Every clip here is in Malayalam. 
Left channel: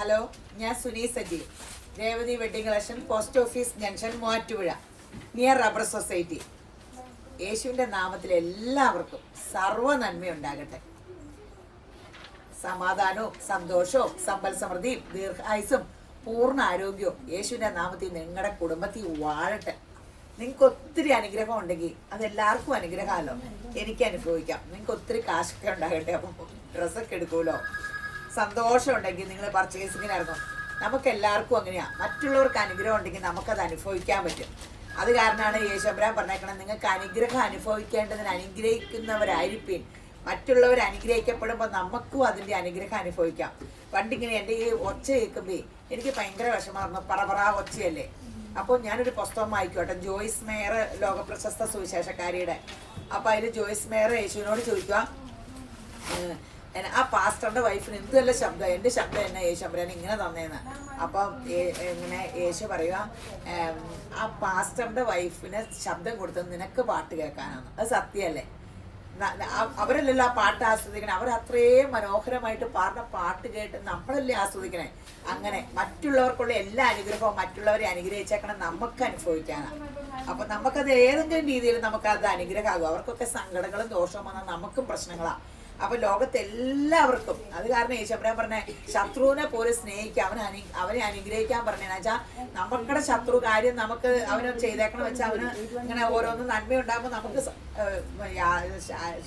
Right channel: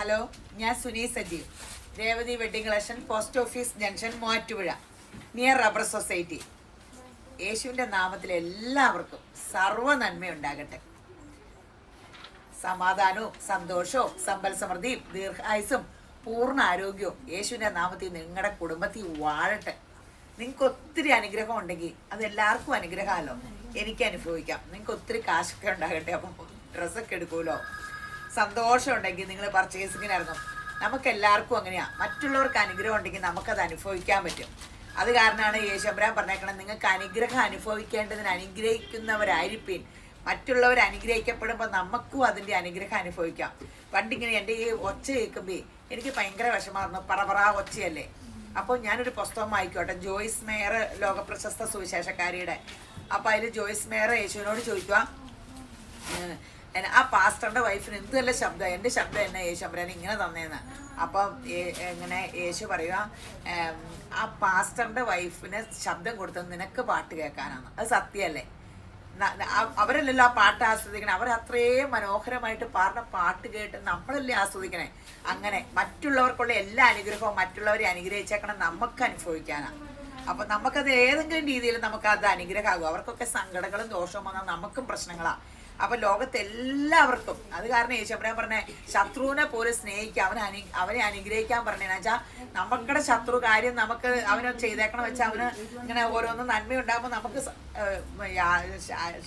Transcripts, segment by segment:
ഹലോ, ഞാൻ Suni Sajeev, Revathi wedding collection, post office junction, Muvattupuzha, near rubber society. യേശുവിൻ്റെ നാമത്തിൽ എല്ലാവർക്കും സർവ്വ നന്മയുണ്ടാകട്ടെ. സമാധാനവും സന്തോഷവും സമ്പൽ സമൃദ്ധിയും ദീർഘായുസും പൂർണ്ണ ആരോഗ്യവും യേശുവിൻ്റെ നാമത്തിൽ നിങ്ങളുടെ കുടുംബത്തിൽ വാഴട്ടെ. നിങ്ങൾക്ക് ഒത്തിരി അനുഗ്രഹം ഉണ്ടെങ്കിൽ അത് എല്ലാവർക്കും അനുഗ്രഹമല്ലോ. എനിക്ക് അനുഭവിക്കാം. നിങ്ങൾക്ക് ഒത്തിരി കാശൊക്കെ ഉണ്ടാകട്ടെ. അപ്പം ഡ്രസ്സൊക്കെ എടുക്കുമല്ലോ. സന്തോഷം ഉണ്ടെങ്കിൽ നിങ്ങൾ പർച്ചേസിങ്ങിന് ഇറങ്ങും. നമുക്ക് എല്ലാവർക്കും അങ്ങനെയാണ്. മറ്റുള്ളവർക്ക് അനുഗ്രഹം ഉണ്ടെങ്കിൽ നമുക്കത് അനുഭവിക്കാൻ പറ്റും. അത് കാരണമാണ് യേശുമ്പരാൻ പറഞ്ഞേക്കണം, നിങ്ങൾക്ക് അനുഗ്രഹം അനുഭവിക്കേണ്ടതിന് അനുഗ്രഹിക്കുന്നവരായിരിക്കും. മറ്റുള്ളവർ അനുഗ്രഹിക്കപ്പെടുമ്പോൾ നമുക്കും അതിൻ്റെ അനുഗ്രഹം അനുഭവിക്കാം. പണ്ടിങ്ങനെ എൻ്റെ ഈ ഒച്ച കേൾക്കുമ്പോൾ എനിക്ക് ഭയങ്കര വിഷമായിരുന്നു. പറ ഒച്ചയല്ലേ. അപ്പോൾ ഞാനൊരു പുസ്തകം വായിക്കോട്ടെ, ജോയ്സ് മേയർ, ലോകപ്രശസ്ത സുവിശേഷക്കാരിയുടെ. അപ്പോൾ അതിൽ ജോയ്സ് മേയർ യേശുവിനോട് ചോദിക്കുക, ആ പാസ്റ്ററുടെ വൈഫിന് എന്ത് നല്ല ശബ്ദം, എൻ്റെ ശബ്ദം എന്നെ യേശുമ്പരൻ ഇങ്ങനെ തന്നേന്ന്. അപ്പം ഇങ്ങനെ യേശു പറയുക, ആ പാസ്റ്ററുടെ വൈഫിന് ശബ്ദം കൊടുത്തത് നിനക്ക് പാട്ട് കേൾക്കാനാണ്. അത് സത്യമല്ലേ? അവരല്ലല്ലോ ആ പാട്ട് ആസ്വദിക്കണേ. അവർ അത്രയും മനോഹരമായിട്ട് പാടുന്ന പാട്ട് കേട്ട് നമ്മളല്ലേ ആസ്വദിക്കണേ. അങ്ങനെ മറ്റുള്ളവർക്കുള്ള എല്ലാ അനുഗ്രഹവും മറ്റുള്ളവരെ അനുഗ്രഹിച്ചേക്കണം നമുക്ക് അനുഭവിക്കാനാണ്. അപ്പൊ നമുക്കത് ഏതെങ്കിലും രീതിയിൽ നമുക്കത് അനുഗ്രഹമാകും. അവർക്കൊക്കെ സങ്കടങ്ങളും ദോഷവും വന്നാൽ നമുക്കും പ്രശ്നങ്ങളാണ്. അപ്പൊ ലോകത്തെല്ലാവർക്കും അത് കാരണം യേശുമ്പരാൻ പറഞ്ഞ ശത്രുവിനെ പോലെ സ്നേഹിക്കുക, അവനെ അനുഗ്രഹിക്കാൻ പറഞ്ഞതെന്ന് വെച്ചാൽ നമുക്കുടെ ശത്രു കാര്യം നമുക്ക് അവന് ചെയ്തേക്കണം വെച്ചാൽ അവന് ഇങ്ങനെ ഓരോന്നും നന്മയുണ്ടാകുമ്പോൾ നമുക്ക്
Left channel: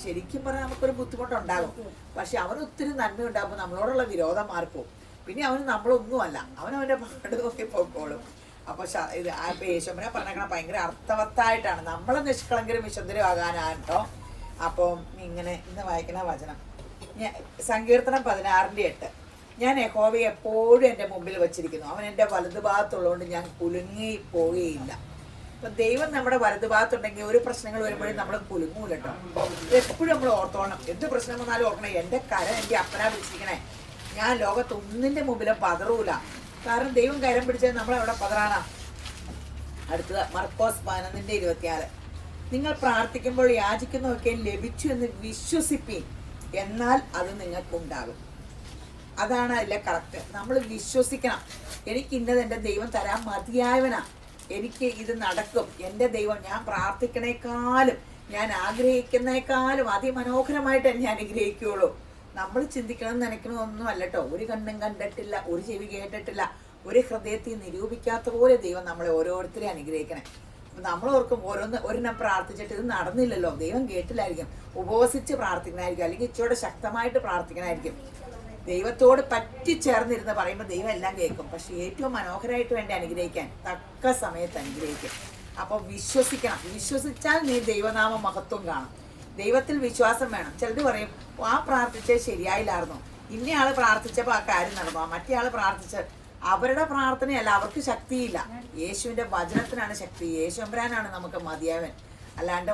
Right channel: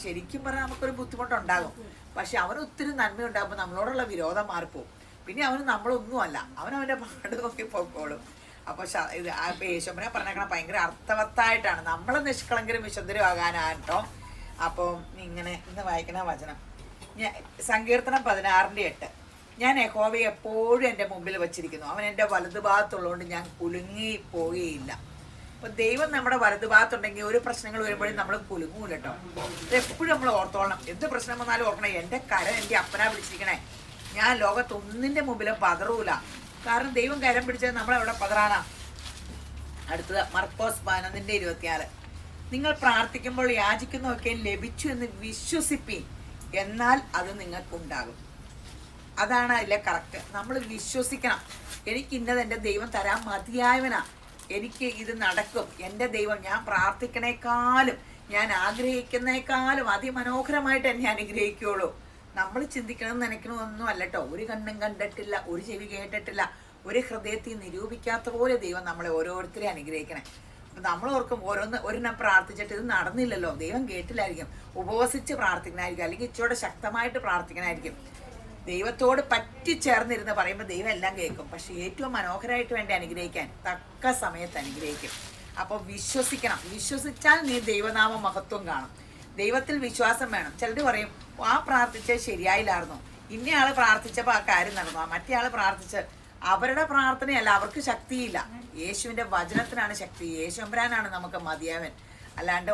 ശരിക്കും പറഞ്ഞാൽ നമുക്കൊരു ബുദ്ധിമുട്ടുണ്ടാകും. പക്ഷെ അവന് ഒത്തിരി നന്മയുണ്ടാകുമ്പോൾ നമ്മളോടുള്ള വിരോധം മാറിപ്പോവും. പിന്നെ അവന് നമ്മളൊന്നുമല്ല, അവനവൻ്റെ പാട് നോക്കി പോയിക്കോളും. അപ്പൊ ഇത് യേശുമ്പരാൻ പറഞ്ഞേക്കണം ഭയങ്കര അർത്ഥവത്തായിട്ടാണ്. നമ്മളെ നിഷ്കളങ്കരും വിശുദ്ധരും ആകാനാണ് കേട്ടോ. അപ്പം ഇങ്ങനെ ഇന്ന് വായിക്കുന്ന വചനം, സങ്കീർത്തനം 16:8. ഞാൻ യഹോവയെ എപ്പോഴും എൻ്റെ മുമ്പിൽ വച്ചിരിക്കുന്നു. അവൻ എൻ്റെ വലതുഭാഗത്തുള്ളതുകൊണ്ട് ഞാൻ കുലുങ്ങി പോവുകയില്ല. അപ്പം ദൈവം നമ്മുടെ വലതുഭാഗത്തുണ്ടെങ്കിൽ ഒരു പ്രശ്നങ്ങൾ വരുമ്പോഴും നമ്മൾ കുലുങ്ങൂല കേട്ടോ. എപ്പോഴും നമ്മൾ ഓർത്തോളണം. എന്ത് പ്രശ്നം വന്നാലും ഓർക്കണേ, എൻ്റെ കരം എൻ്റെ അപ്പനാ പിടിച്ചിരിക്കണേ. ഞാൻ ലോകത്തൊന്നിൻ്റെ മുമ്പിലും പതറൂല. കാരണം ദൈവം കരം പിടിച്ചത് നമ്മളെവിടെ പതറാനാ. അടുത്തത് മർക്കോസ് 11:24. നിങ്ങൾ പ്രാർത്ഥിക്കുമ്പോൾ യാചിക്കുന്നതൊക്കെ ലഭിച്ചു എന്ന് വിശ്വസിപ്പീൻ, എന്നാൽ അത് നിങ്ങൾക്കുണ്ടാകും. അതാണ് അതിലെ കറക്റ്റ്. നമ്മൾ വിശ്വസിക്കണം. എനിക്ക് ഇന്നത് എൻ്റെ ദൈവം തരാൻ മതിയായവനാ, എനിക്ക് ഇത് നടക്കും. എൻ്റെ ദൈവം ഞാൻ പ്രാർത്ഥിക്കണേക്കാളും ഞാൻ ആഗ്രഹിക്കുന്നേക്കാളും അതിമനോഹരമായിട്ട് എന്നെ അനുഗ്രഹിക്കുകയുള്ളൂ. നമ്മൾ ചിന്തിക്കണം നനയ്ക്കണമെന്നൊന്നും അല്ല കേട്ടോ. ഒരു കണ്ണും കണ്ടിട്ടില്ല, ഒരു ചെവി കേട്ടിട്ടില്ല, ഒരു ഹൃദയത്തിൽ നിരൂപിക്കാത്ത പോലെ ദൈവം നമ്മളെ ഓരോരുത്തരെയും അനുഗ്രഹിക്കണേ. നമ്മൾ ഓർക്കും ഒരെണ്ണം പ്രാർത്ഥിച്ചിട്ട് ഇത് നടന്നില്ലല്ലോ, ദൈവം കേട്ടില്ലായിരിക്കും. ഉപവസിച്ച് പ്രാർത്ഥിക്കണമായിരിക്കും, അല്ലെങ്കിൽ ഇച്ചോടെ ശക്തമായിട്ട് പ്രാർത്ഥിക്കണമായിരിക്കും. ദൈവത്തോട് പറ്റിച്ചേർന്നിരുന്ന് പറയുമ്പോൾ ദൈവം എല്ലാം കേൾക്കും. പക്ഷെ ഏറ്റവും മനോഹരമായിട്ട് വേണ്ടി അനുഗ്രഹിക്കാൻ തക്ക സമയത്ത് അനുഗ്രഹിക്കും. അപ്പോൾ വിശ്വസിക്കണം. വിശ്വസിച്ചാൽ നീ ദൈവനാമ മഹത്വം കാണും. ദൈവത്തിൽ വിശ്വാസം വേണം. ചിലർ പറയും, ആ പ്രാർത്ഥിച്ചത് ശരിയായില്ലായിരുന്നു, ഇന്നയാള് പ്രാർത്ഥിച്ചപ്പോൾ ആ കാര്യം നടന്നു, മറ്റേ ആള് പ്രാർത്ഥിച്ച അവരുടെ പ്രാർത്ഥനയല്ല, അവർക്ക് ശക്തിയില്ല. യേശുവിന്റെ വചനത്തിനാണ് ശക്തി. യേശുമ്പരാനാണ് നമുക്ക് മതിയാവൻ. അല്ലാണ്ട്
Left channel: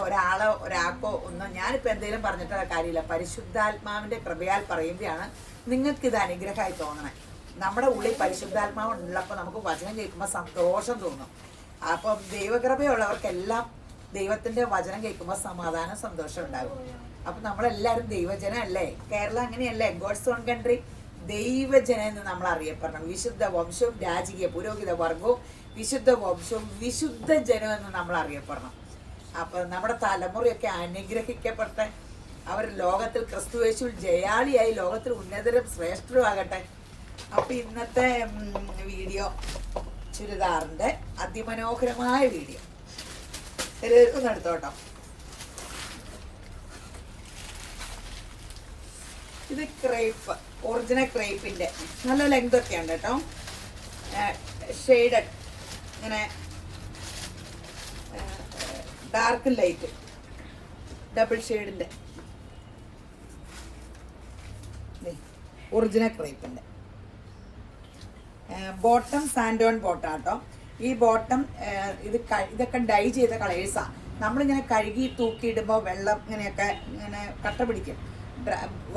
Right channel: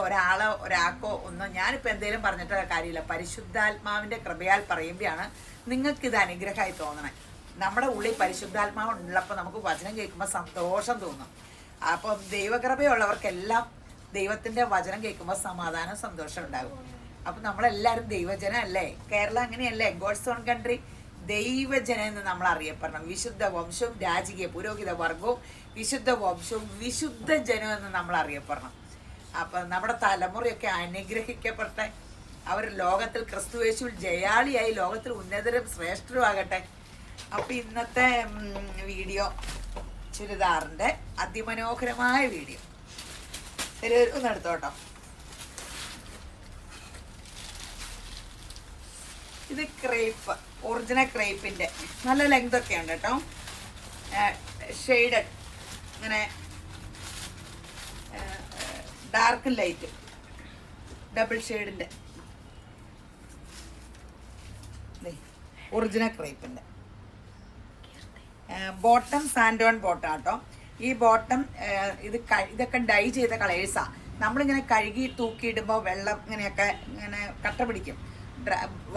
ഒരാൾക്കോ ഒന്നും ഞാനിപ്പോൾ എന്തെങ്കിലും പറഞ്ഞിട്ടുള്ള കാര്യമില്ല. പരിശുദ്ധാത്മാവിന്റെ കൃപയാൽ പറയുമ്പോഴാണ് നിങ്ങൾക്കിത് അനുഗ്രഹമായി തോന്നണേ. നമ്മുടെ ഉള്ളിൽ പരിശുദ്ധാത്മാവ് ഉള്ളപ്പോൾ നമുക്ക് വചനം കേൾക്കുമ്പോൾ സന്തോഷം തോന്നും. അപ്പം ദൈവകൃപയുള്ളവർക്കെല്ലാം ദൈവത്തിന്റെ വചനം കേൾക്കുമ്പോൾ സമാധാനം സന്തോഷം ഉണ്ടാകും. അപ്പം നമ്മളെല്ലാവരും ദൈവജനം അല്ലേ? കേരളം അങ്ങനെയല്ലേ? ഗോഡ്സ് ഓൺ കൺട്രി ദൈവജനം എന്ന് നമ്മൾ അറിയപ്പെടണം. വിശുദ്ധ വംശവും രാജകീയ പുരോഹിത വർഗവും വിശുദ്ധ വംശവും വിശുദ്ധ ജനം എന്ന് നമ്മൾ അറിയപ്പെടണം. അപ്പൊ നമ്മുടെ തലമുറയൊക്കെ അനുഗ്രഹിക്കപ്പെട്ടെ. അവർ ലോകത്തിൽ ക്രിസ്തുയേശുവിൽ ജയാളിയായി ലോകത്തിൽ ഉന്നതരും ശ്രേഷ്ഠരും ആകട്ടെ. അപ്പൊ ഇന്നത്തെ വീഡിയോ ചുരിദാറിന്റെ അതിമനോഹരമായ വീഡിയോ ഒന്ന് എടുത്തോട്ടോ. ഇത് ക്രേപ്പ്, ഒറിജിനൽ ക്രേപ്പിന്റെ നല്ല ലെങ്ത് ഒക്കെ ഉണ്ട് കേട്ടോ. ഷെയ്ഡഡ്, ഇങ്ങനെ ഡാർക്ക് ലൈറ്റ് ഡബിൾ ഷെയ്ഡിന്റെ ഒറിജിനൽ ക്രേപ്പിന്റെ ബോട്ടം സാൻഡോൺ ബോട്ടം കേട്ടോ. ഈ ബോട്ടം ഇതൊക്കെ ഡൈ ചെയ്ത കളേഴ്സാ. നമ്മളിങ്ങനെ കഴുകി തൂക്കിയിടുമ്പോൾ വെള്ളം ഇങ്ങനെ കട്ട പിടിക്കും.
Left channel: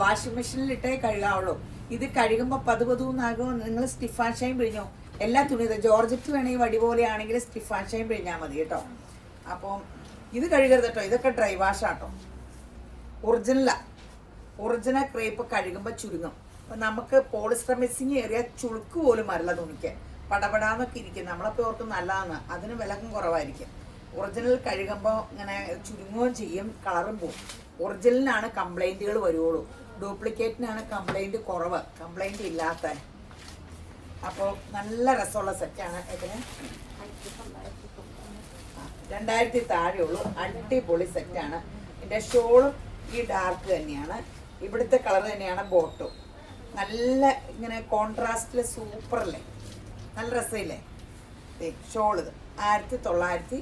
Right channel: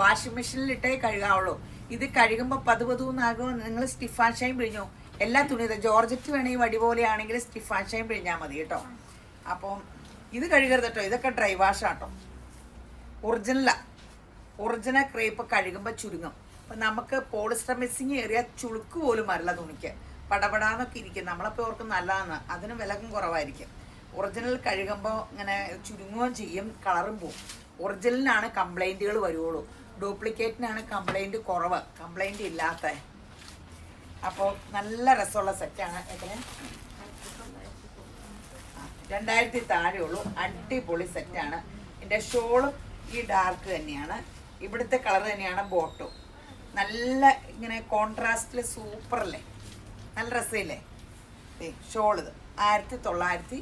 വാഷിംഗ് മെഷീനിൽ ഇട്ടേ കഴുകാവുള്ളൂ. ഇത് കഴുകുമ്പോൾ പതുപതുന്നാകും. നിങ്ങൾ സ്റ്റിഫാൻ ഷൈൻ പിഴിഞ്ഞോ. എല്ലാ തുണി ജോർജറ്റ് വേണമെങ്കിൽ വടി പോലെയാണെങ്കിൽ സ്റ്റിഫാൻ ഷൈൻ പിഴിഞ്ഞാൽ മതി കേട്ടോ. അപ്പം ഇത് കഴുകരുത് കേട്ടോ. ഇതൊക്കെ ഡ്രൈ വാഷാട്ടോ. ഒറിജിനൽ ക്രേപ്പ് കഴുകുമ്പോൾ ചുരുങ്ങും. നമുക്ക് പോളിസ്റ്റർ മിക്സിങ് ഏറിയ ചുളുക്ക് പോലും വരില്ല തുണിക്ക്, പടപടാന്നൊക്കെ ഇരിക്കും. നമ്മളപ്പോൾ ഓർക്കും നല്ലതാണ്, അതിന് വിലക്കും കുറവായിരിക്കും. ഒറിജിനൽ കഴുകുമ്പോൾ ഇങ്ങനെ ചുരുങ്ങുകയും ചെയ്യും, കളറും പോവും. ഒറിജിനലിനാണ് കംപ്ലൈൻറ്റുകൾ വരുള്ളൂ, ഡ്യൂപ്ലിക്കേറ്റിനാണ് കംപ്ലൈൻറ്റ് കുറവ്, കംപ്ലൈൻറ്റ് ഇല്ലാത്ത. അപ്പോൾ നല്ല രസമുള്ള സെറ്റാണ്. ഇതിന് 2000 താഴെയുള്ളൂ, അടിപൊളി സെറ്റാണ്. ഇതിൻ്റെ ഷോളും ഈ ഡാർക്ക് തന്നെയാണ്, ഇവിടുത്തെ കളർ തന്നെയാണ് ബോട്ടും. നല്ല ഇങ്ങനെ കോൺട്രാസ്റ്റിൽ സൂപ്പറല്ലേ, നല്ല രസമില്ലേ. ഷോൾ ഇത് 1990,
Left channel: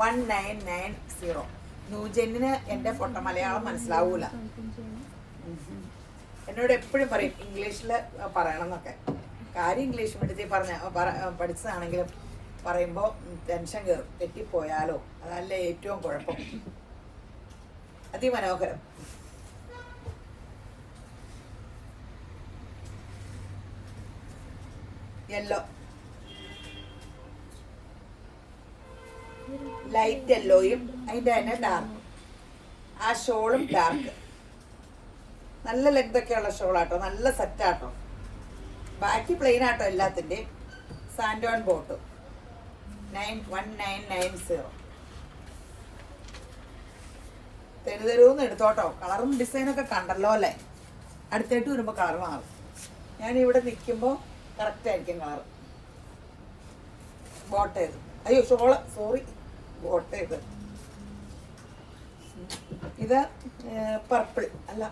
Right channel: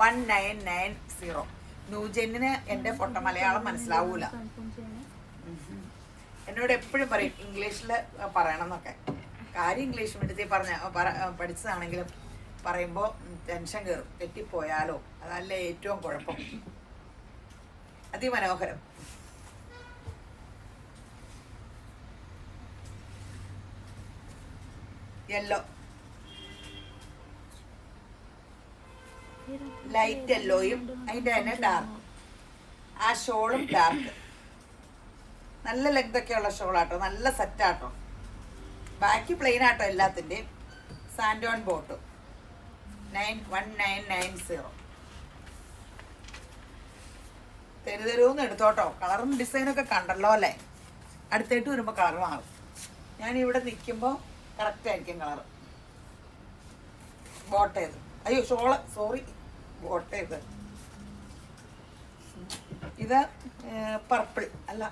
1990. ന്യൂജെന്നിന് എൻ്റെ പൊട്ട മലയാളം മനസ്സിലാവൂല. എന്നോട് എപ്പോഴും പറയും ഇംഗ്ലീഷിൽ പറയണം എന്നൊക്കെ. കാര്യം ഇംഗ്ലീഷ് മീഡിയത്തിൽ പഠിച്ചതാണെങ്കിലും പറയുമ്പോൾ ടെൻഷൻ കയറും, തെറ്റിപ്പോയാലോ, അതല്ല ഏറ്റവും കുഴപ്പം. അതിമനോഹരം. യെല്ലോ, ലൈറ്റ് യെല്ലോയും അതിൻ്റെ തന്നെ ഡാർക്ക്. ആ ഷോളും ഡാർക്ക്, നല്ല ലെങ്തൊക്കെയുള്ള ഷോളാട്ടോ, നല്ല സെറ്റാട്ടോ. ബാക്കി പ്ലെയിൻ ആട്ടോ എല്ലാത്തിൻ്റെയും. സാൻഡോൺ ബോട്ടും 1990. തെരുതെരുവെന്ന് എടുത്തോട്ടോ. കളറും ഡിസൈനൊക്കെ കണ്ടല്ലോ അല്ലേ. അടുത്തായിട്ട് വരുമ്പോൾ കളർ മാറും. ഞാനിവിടെ നിൽക്കുമ്പോൾ കറക്റ്റ് ആയിരിക്കും കളർ. ബോട്ടേത്, അയ്യോ ഷോള്, സോറി, ബോട്ടേത്. ഇത് പർപ്പിൾ അല്ല,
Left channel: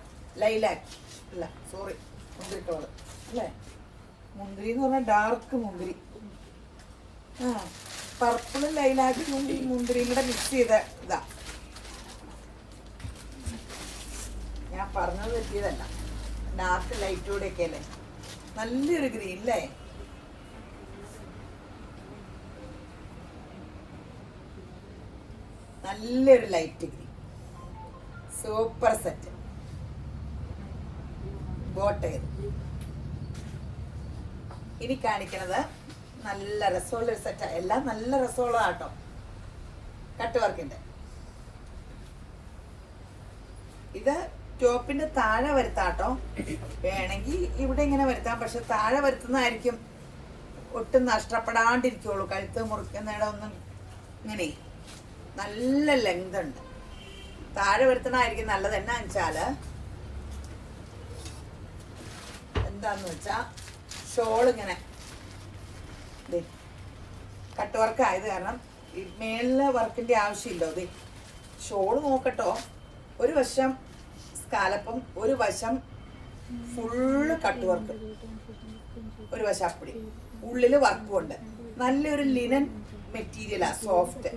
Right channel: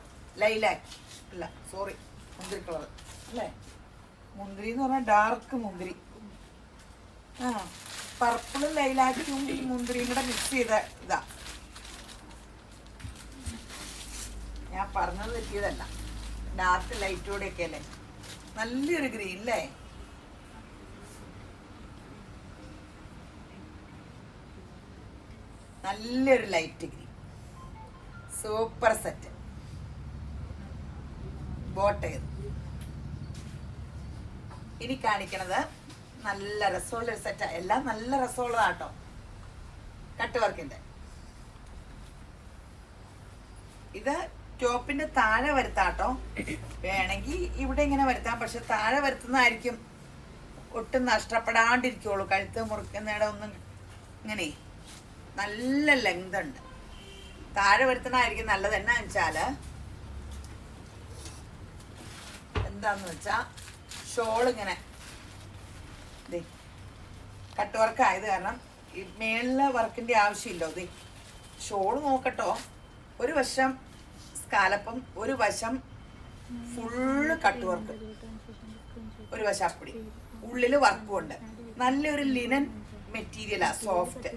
ലൈലാക്ക് അല്ല, സോറി, മുന്തിരി കളർ അല്ലേ. മുന്തിരി എന്ന് പറഞ്ഞാൽ ഡാർക്ക് മുന്തിരി. പർപ്പിളും ലൈലാക്കും മുന്തിരിയും കൂടെ മിക്സ് ചെയ്ത ഇതാ. ഞാൻ പറഞ്ഞത് പറ്റിയതല്ല, ഡാർക്ക് ലൈറ്റ് കൂടെയൊക്കെ അല്ലേ. നല്ലൊരു ഗ്രീൻ അല്ലേ. നല്ലൊരു ലൈറ്റ് ഗ്രീൻ, സൂപ്പർ സെറ്റ്. ബോട്ടേത്. ഇനി കാണിക്കണത് നല്ല രസമുള്ള ഒരു സെറ്റാ. എല്ലാം നല്ല രസമുള്ളതാട്ടോ. കട്ട് വർക്കിന്റെ ഇത് ടോപ്പിന്റെ താഴെ വരുത്താട്ടോ. വേണമെങ്കിൽ ഇവിടെ ഇങ്ങനെ വരുത്താം, പക്ഷെ താഴെ വരുത്തുന്നതായിരിക്കും ഒട്ടും നഷ്ടപ്പെടാണ്ടിരിക്കുള്ളൂ. കഴുത്ത് മുറിക്കുന്നിടം ഒന്നും ഇങ്ങനെ നല്ല ലെങ്ത് ഉണ്ട്. താഴെ വരുത്തണമായിരിക്കും നല്ലത്. എന്നാ വെച്ചാല് എന്താന്ന് വെച്ചാ ഷോൾ ഇങ്ങനെ കട്ട് വർക്ക് ആയത് കാരണം മേളിലെ വർക്കിന്റെ ആവശ്യമില്ലോ. ഇത് ഷോൾ നോക്കട്ടോ, ഒരു വശം സ്കാലപ്പും ഒരു വശം ഫുള്ള് കട്ട് വർക്ക്, ഒരു വശം അപ്പടി, ഉള്ളില് വർക്കും ഉണ്ട്. നല്ലൊരു ലിനൻ മെറ്റീരിയലാ, സോഫ്റ്റ്.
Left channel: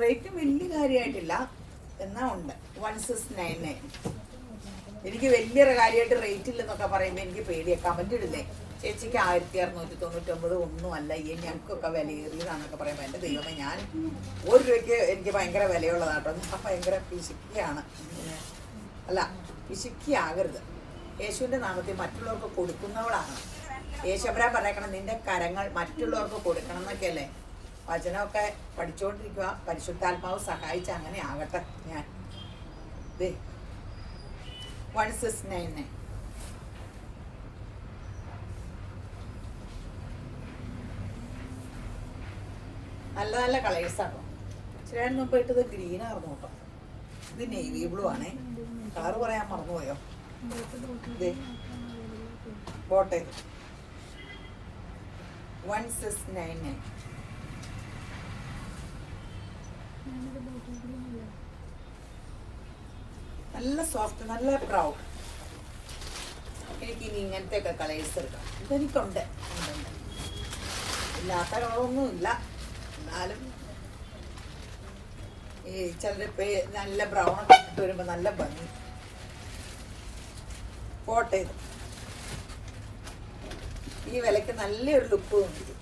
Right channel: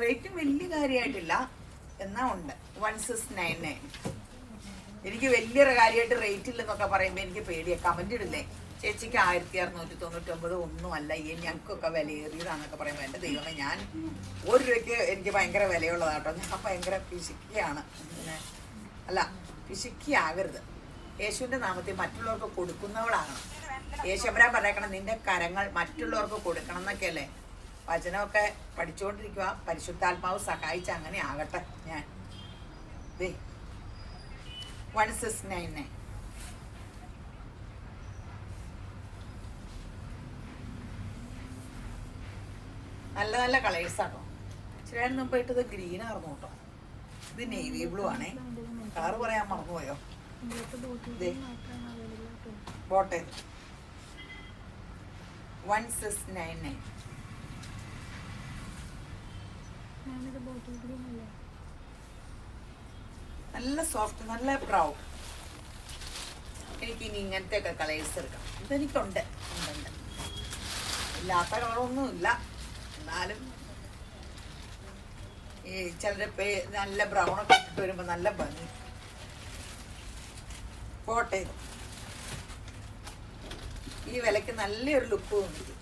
റേറ്റും വലിയ കാര്യമായിട്ടില്ല, എന്നാ ഉണ്ട് 1699. എനിക്ക് വലിയൊരു കാര്യമായിട്ട് റേറ്റ് ഇല്ലെന്നൊക്കെ പറയുമ്പോൾ എനിക്ക് പേടിയാണ്. കമന്റ് ഇടില്ലേ, ചേച്ചിക്ക് 1699 ഒന്നും അല്ല, ഈ ഞങ്ങൾക്കൊക്കെ വിലയേറിയതാണെന്നൊക്കെ പറയുമ്പോൾ എൻ്റെ ദൈവമേ, ഞാൻ 1 രൂപയ്ക്ക് എനിക്ക് ഭയങ്കര വിലയുള്ളതാട്ടോ. ഞാൻ ഭയങ്കര പിശുക്കിയാണ്. അല്ല, പിശുക്കിയാകരുത്. യേശുവിൻ്റെ നാമത്തിൽ മറ്റുള്ളവർക്ക് കൊടുക്കുന്നവളാണ്. യേശുവരാൻ പറഞ്ഞേക്കണം, നിന്റെ കരങ്ങൾ മറ്റുള്ളവർക്ക് കൊടുക്കണം എന്നൊക്കെയല്ലേ. വചനമൊക്കെ പഠിച്ചുകൊണ്ടിരിക്കുക, പരിശുദ്ധാത്മാവ് സഹായിച്ച് അങ്ങനെ ആകട്ടെ. ഞാൻ 1699. നല്ല നല്ല കളേഴ്സാട്ടോ. ഇച്ചിരി മുമ്പ് ഇട്ടത് ഗ്രീൻ ആയിരുന്നു കേട്ടോ. ഇത് നേവി ബ്ലൂ ആണേ. കളർ പറയാൻ മറന്നുപോയോ. ബോട്ടെ 1699. നല്ല സോഫ്റ്റ്, നല്ല ബ്രൗൺ. എനിക്ക് ഇനി ഇങ്ങനത്തെ ഒക്കെ കളേഴ്സ് എടുക്കാം. ഇതെനിക്കുണ്ട്, ഇല്ലാത്ത കളറൊന്നും ഇല്ല. എന്നാലും ഈ ചിലര് നല്ല ബ്രൗൺ ഒക്കെ ഇട്ടിട്ട് വരുമ്പോ നല്ല ഭംഗി. പോട്ടെ, ഈ വിലക്ക് നല്ലൊരു ലുക്ക് തോന്നിക്കും.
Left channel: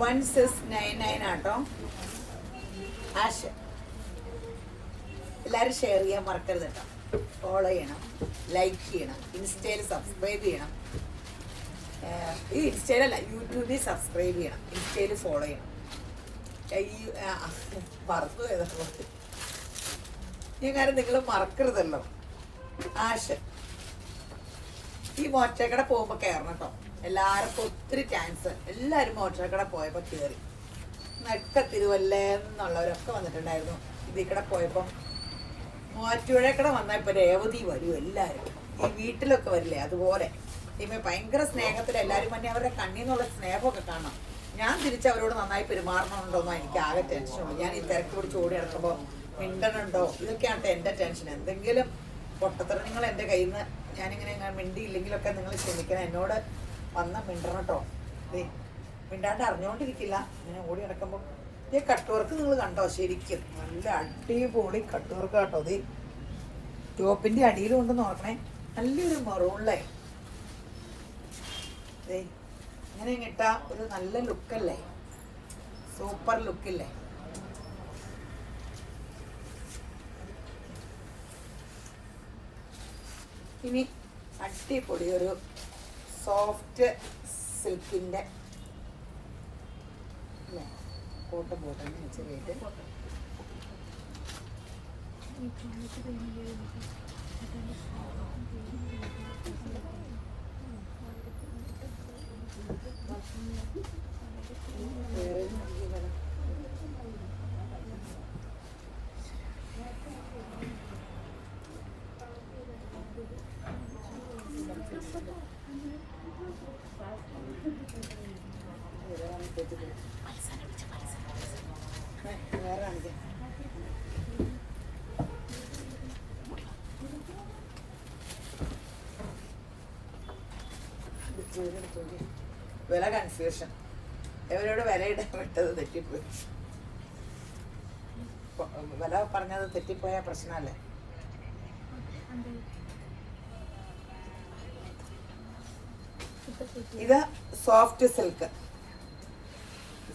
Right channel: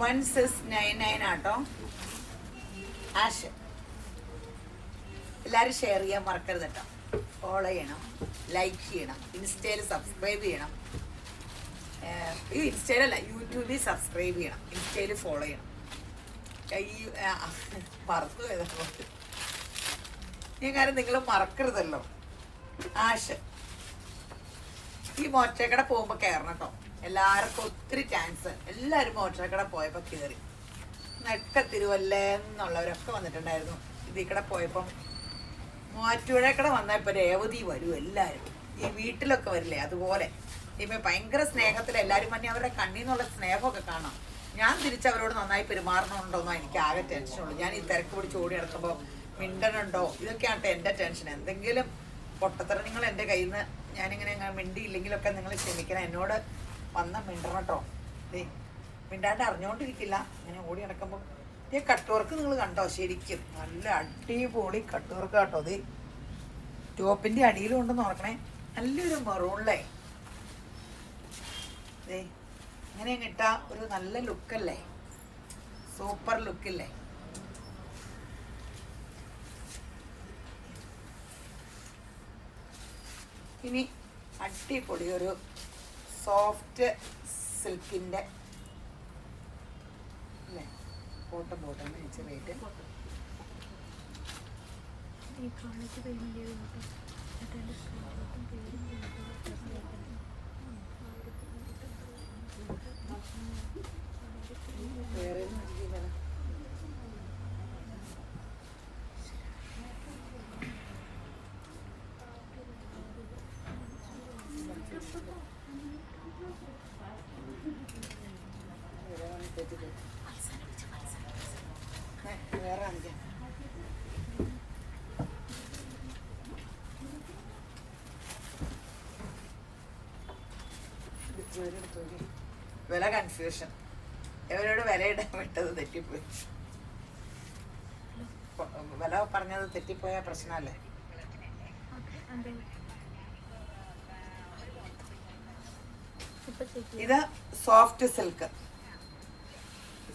$1699 ആട്ടോ. ആശ എല്ലാവരും ഷെയർ ചെയ്യാൻ മറക്കരുത് കേട്ടോ. ഫോളോ ചെയ്യണം, ലൈക്ക് ചെയ്യണം, ഇൻസ്റ്റയിൽ സബ്സ്ക്രൈബ് ചെയ്യണം. ഈ ഇൻസ്റ്റയിലല്ല, യൂട്യൂബിൽ സബ്സ്ക്രൈബ് ചെയ്യണം, ഇൻസ്റ്റയിൽ ഫോളോ ചെയ്യണം. മറന്നു പോയതുകൊണ്ട് ഈ കാര്യം നിങ്ങൾ മറക്കരുതല്ലോ. ആശ ഈ മോറ്റക്കട പോകുമ്പോൾ കയറണം കേട്ടോ. എല്ലാവർക്കും ഒത്തിരി ചാൻസ്. എല്ലാവരും മോറ്റക്കട പോയപ്പോൾ കയറി. നക്ക തിരുവല്ലെന്നുള്ളവരൊക്കെ വന്നിട്ടുണ്ടായിരുന്നു. ഇതിൽ കൂടെ പോയപ്പം മൂവാറ്റുപുഴക്കട വന്നാൽ ഇപ്പോൾ രേവതി വരും. എല്ലാവരും ഈ വീട്ടിലൊക്കെ വരില്ലേ, അതുപോലെ ഇപ്പം ഭയങ്കര സ്നേഹത്തിൽ എല്ലാവരും തന്നെ അവരുടെ കണ്ണിൽ നിന്നുള്ള സ്നേഹമൊക്കെ കാണാം. ഞാൻ തിരിച്ചവരോട് നന്നായി പെരുമാറണമുണ്ടോന്നോ എനിക്ക് ആകെ ടെൻഷനുള്ളൂ. ഞാൻ ഈ തിരക്ക് പിടിച്ച് ഓടി നടക്കുമ്പോൾ മിണ്ടനുണ്ടോ, ഇതൊക്കെയാണ് എൻ്റെ ടെൻഷൻ. എന്തെങ്കിലും പൊട്ടത്തരം നിങ്ങൾ എൻ്റെ കയ്യിൽ നിന്ന് ഞാനിങ്ങനെ മിണ്ടിയില്ലെങ്കിലൊക്കെ നിങ്ങൾ ക്ഷമിക്കണം. എന്നോട് വന്ന മിണ്ടണം കേട്ടോ. മിണ്ടാണ്ട് അറിഞ്ഞുകൊണ്ടിരിക്കില്ല. ഇങ്ങനെ ഓടി നടക്കുമ്പോൾ ഈ കട്ട് വർക്ക് നിങ്ങൾ കണ്ടോ? ശരിക്കും നല്ല അടിപൊളി കട്ട് വർക്ക് കേട്ടോ. ഇത് ടോപ്പിൻ്റെ അടിയിലും ഉണ്ടെന്ന് നോക്കണേ. നല്ലൊരു മറൂണിലേ ഇങ്ങനെ ഇട്ടാ ഒരു നല്ല ലുക്കല്ലേ, സൂപ്പർ ലുക്കില്ലേ. ഇനി അടിപൊളി ഒരു സോഫ്റ്റ് സിൽക്കിൻ്റെ അല്ലേ, കോട്ടൺ ചെറിയിട്ട് വേറെ കാണിക്കാം. വില കൺഫ്യൂഷൻ. എവരോട് വിലയിടാൻ വിട്ടത് തെറ്റിപ്പോയി. വില പറഞ്ഞത് തെറ്റിപ്പോയ പ്രശ്നമല്ലേ. ഇത് സോഫ്റ്റ് സിൽക്ക്.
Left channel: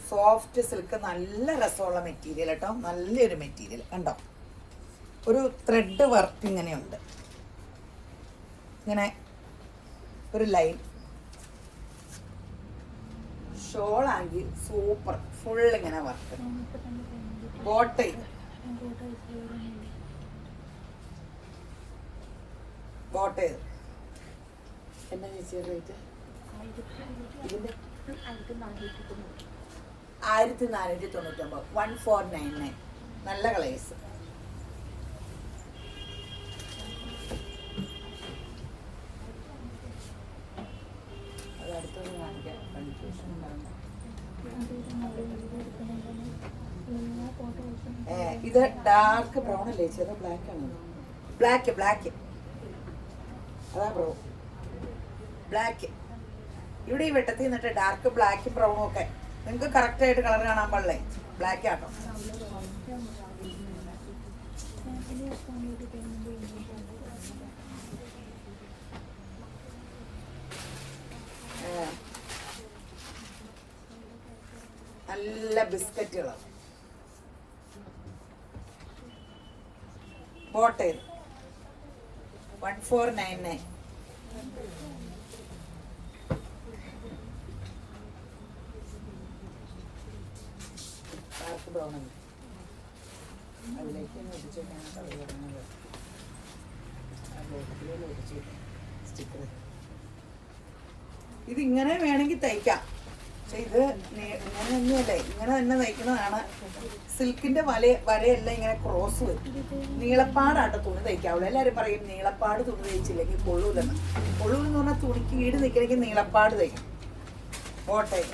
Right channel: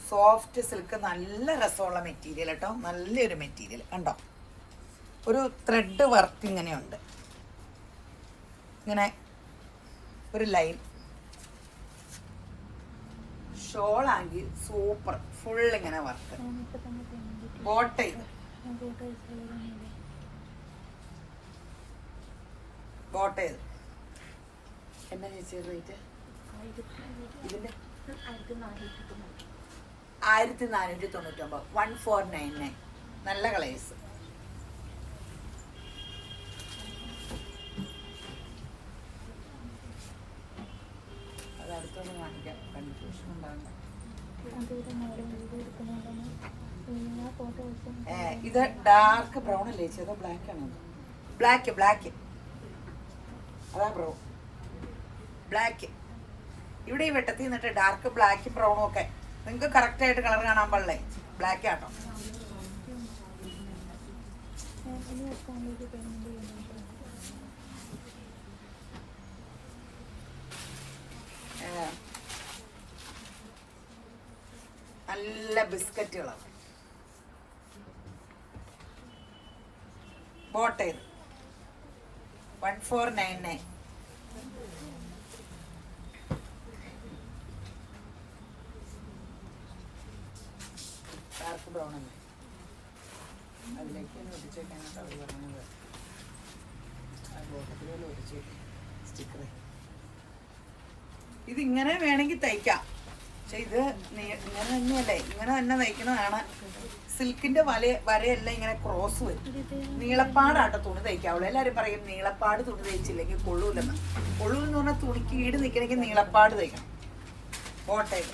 സോഫ്റ്റ് സിൽക്ക് നല്ല രസമുള്ള മെറ്റീരിയൽ കേട്ടോ. നല്ലൊരു മെറ്റീരിയൽ കണ്ടോ. ഒരു ത്രെഡ് വർക്ക് ഇങ്ങനെയുണ്ട്, ഇങ്ങനെ ഒരു ലൈൻ. ഷോളാണെങ്കിൽ സൂപ്പർ, ഫുൾ ഇങ്ങനെ വർക്ക്. ബോട്ട് ചെയ്ത് എന്നാ ചേച്ചി റേറ്റ്? ഇതിന്റെ 1499. 1499. നല്ല കളേഴ്സ്. അത് അടുത്തൊന്ന് കാണിക്കാം, കൺഫ്യൂഷൻ ഉണ്ടാകും. ഇത് ഡാർക്ക് ബ്രൗൺ അല്ലേ, ചെറു ബ്ലാക്ക് ആണോ? ബ്ലാക്ക് അതാ ബ്രൗൺ. ബ്ലാക്ക് ഇവിടെ ഈ വെട്ടത്തിൽ നിന്നിട്ട് ഡാർക്ക് ബ്ലാക്കും ബ്രൗണും ഒക്കെ നിങ്ങൾക്ക് കറക്റ്റ് ആയിട്ട് കളർ കാണാൻ പാടില്ലേ. ബ്ലാക്ക് ആട്ടോ. നല്ല ബിസ്ക്കറ്റുകളാണ്. ബോട്ട് 1499. ഡാർക്ക് ബ്രൗൺ അല്ലേ, അതിലേക്ക് ഒട്ടിച്ചേക്കാണ് കളർ പറയുന്നത്. അതിലേക്ക് ഒട്ടിച്ച് സ്റ്റിക്കർ. ഇതിങ്ങനെ വേണമെങ്കിൽ തയ്ക്കാം. പക്ഷെ ഇത് ഇങ്ങനെ തന്നെയല്ലേ, ഇങ്ങനെ തന്നെ തയ്ക്കുന്നതാണ്. സിൽക്കിന്റെ വരയെല്ലാം ഇങ്ങനെ ക്രോസ് വരും. നീളപ്പാടാട്ടോ തുണി തയ്ക്കാവുള്ളൂ. എല്ലാവരും പറയും നീളപ്പാട് തുണി തയ്ച്ചില്ലെങ്കിൽ കൊള്ളൂലെന്ന്. കൊള്ളൂലെന്ന് പറഞ്ഞാൽ തുണിക്ക് ഈട് നിൽക്കണമെങ്കിൽ നീളപ്പാട് തയ്ക്കണം. ഓട്ടയിൽ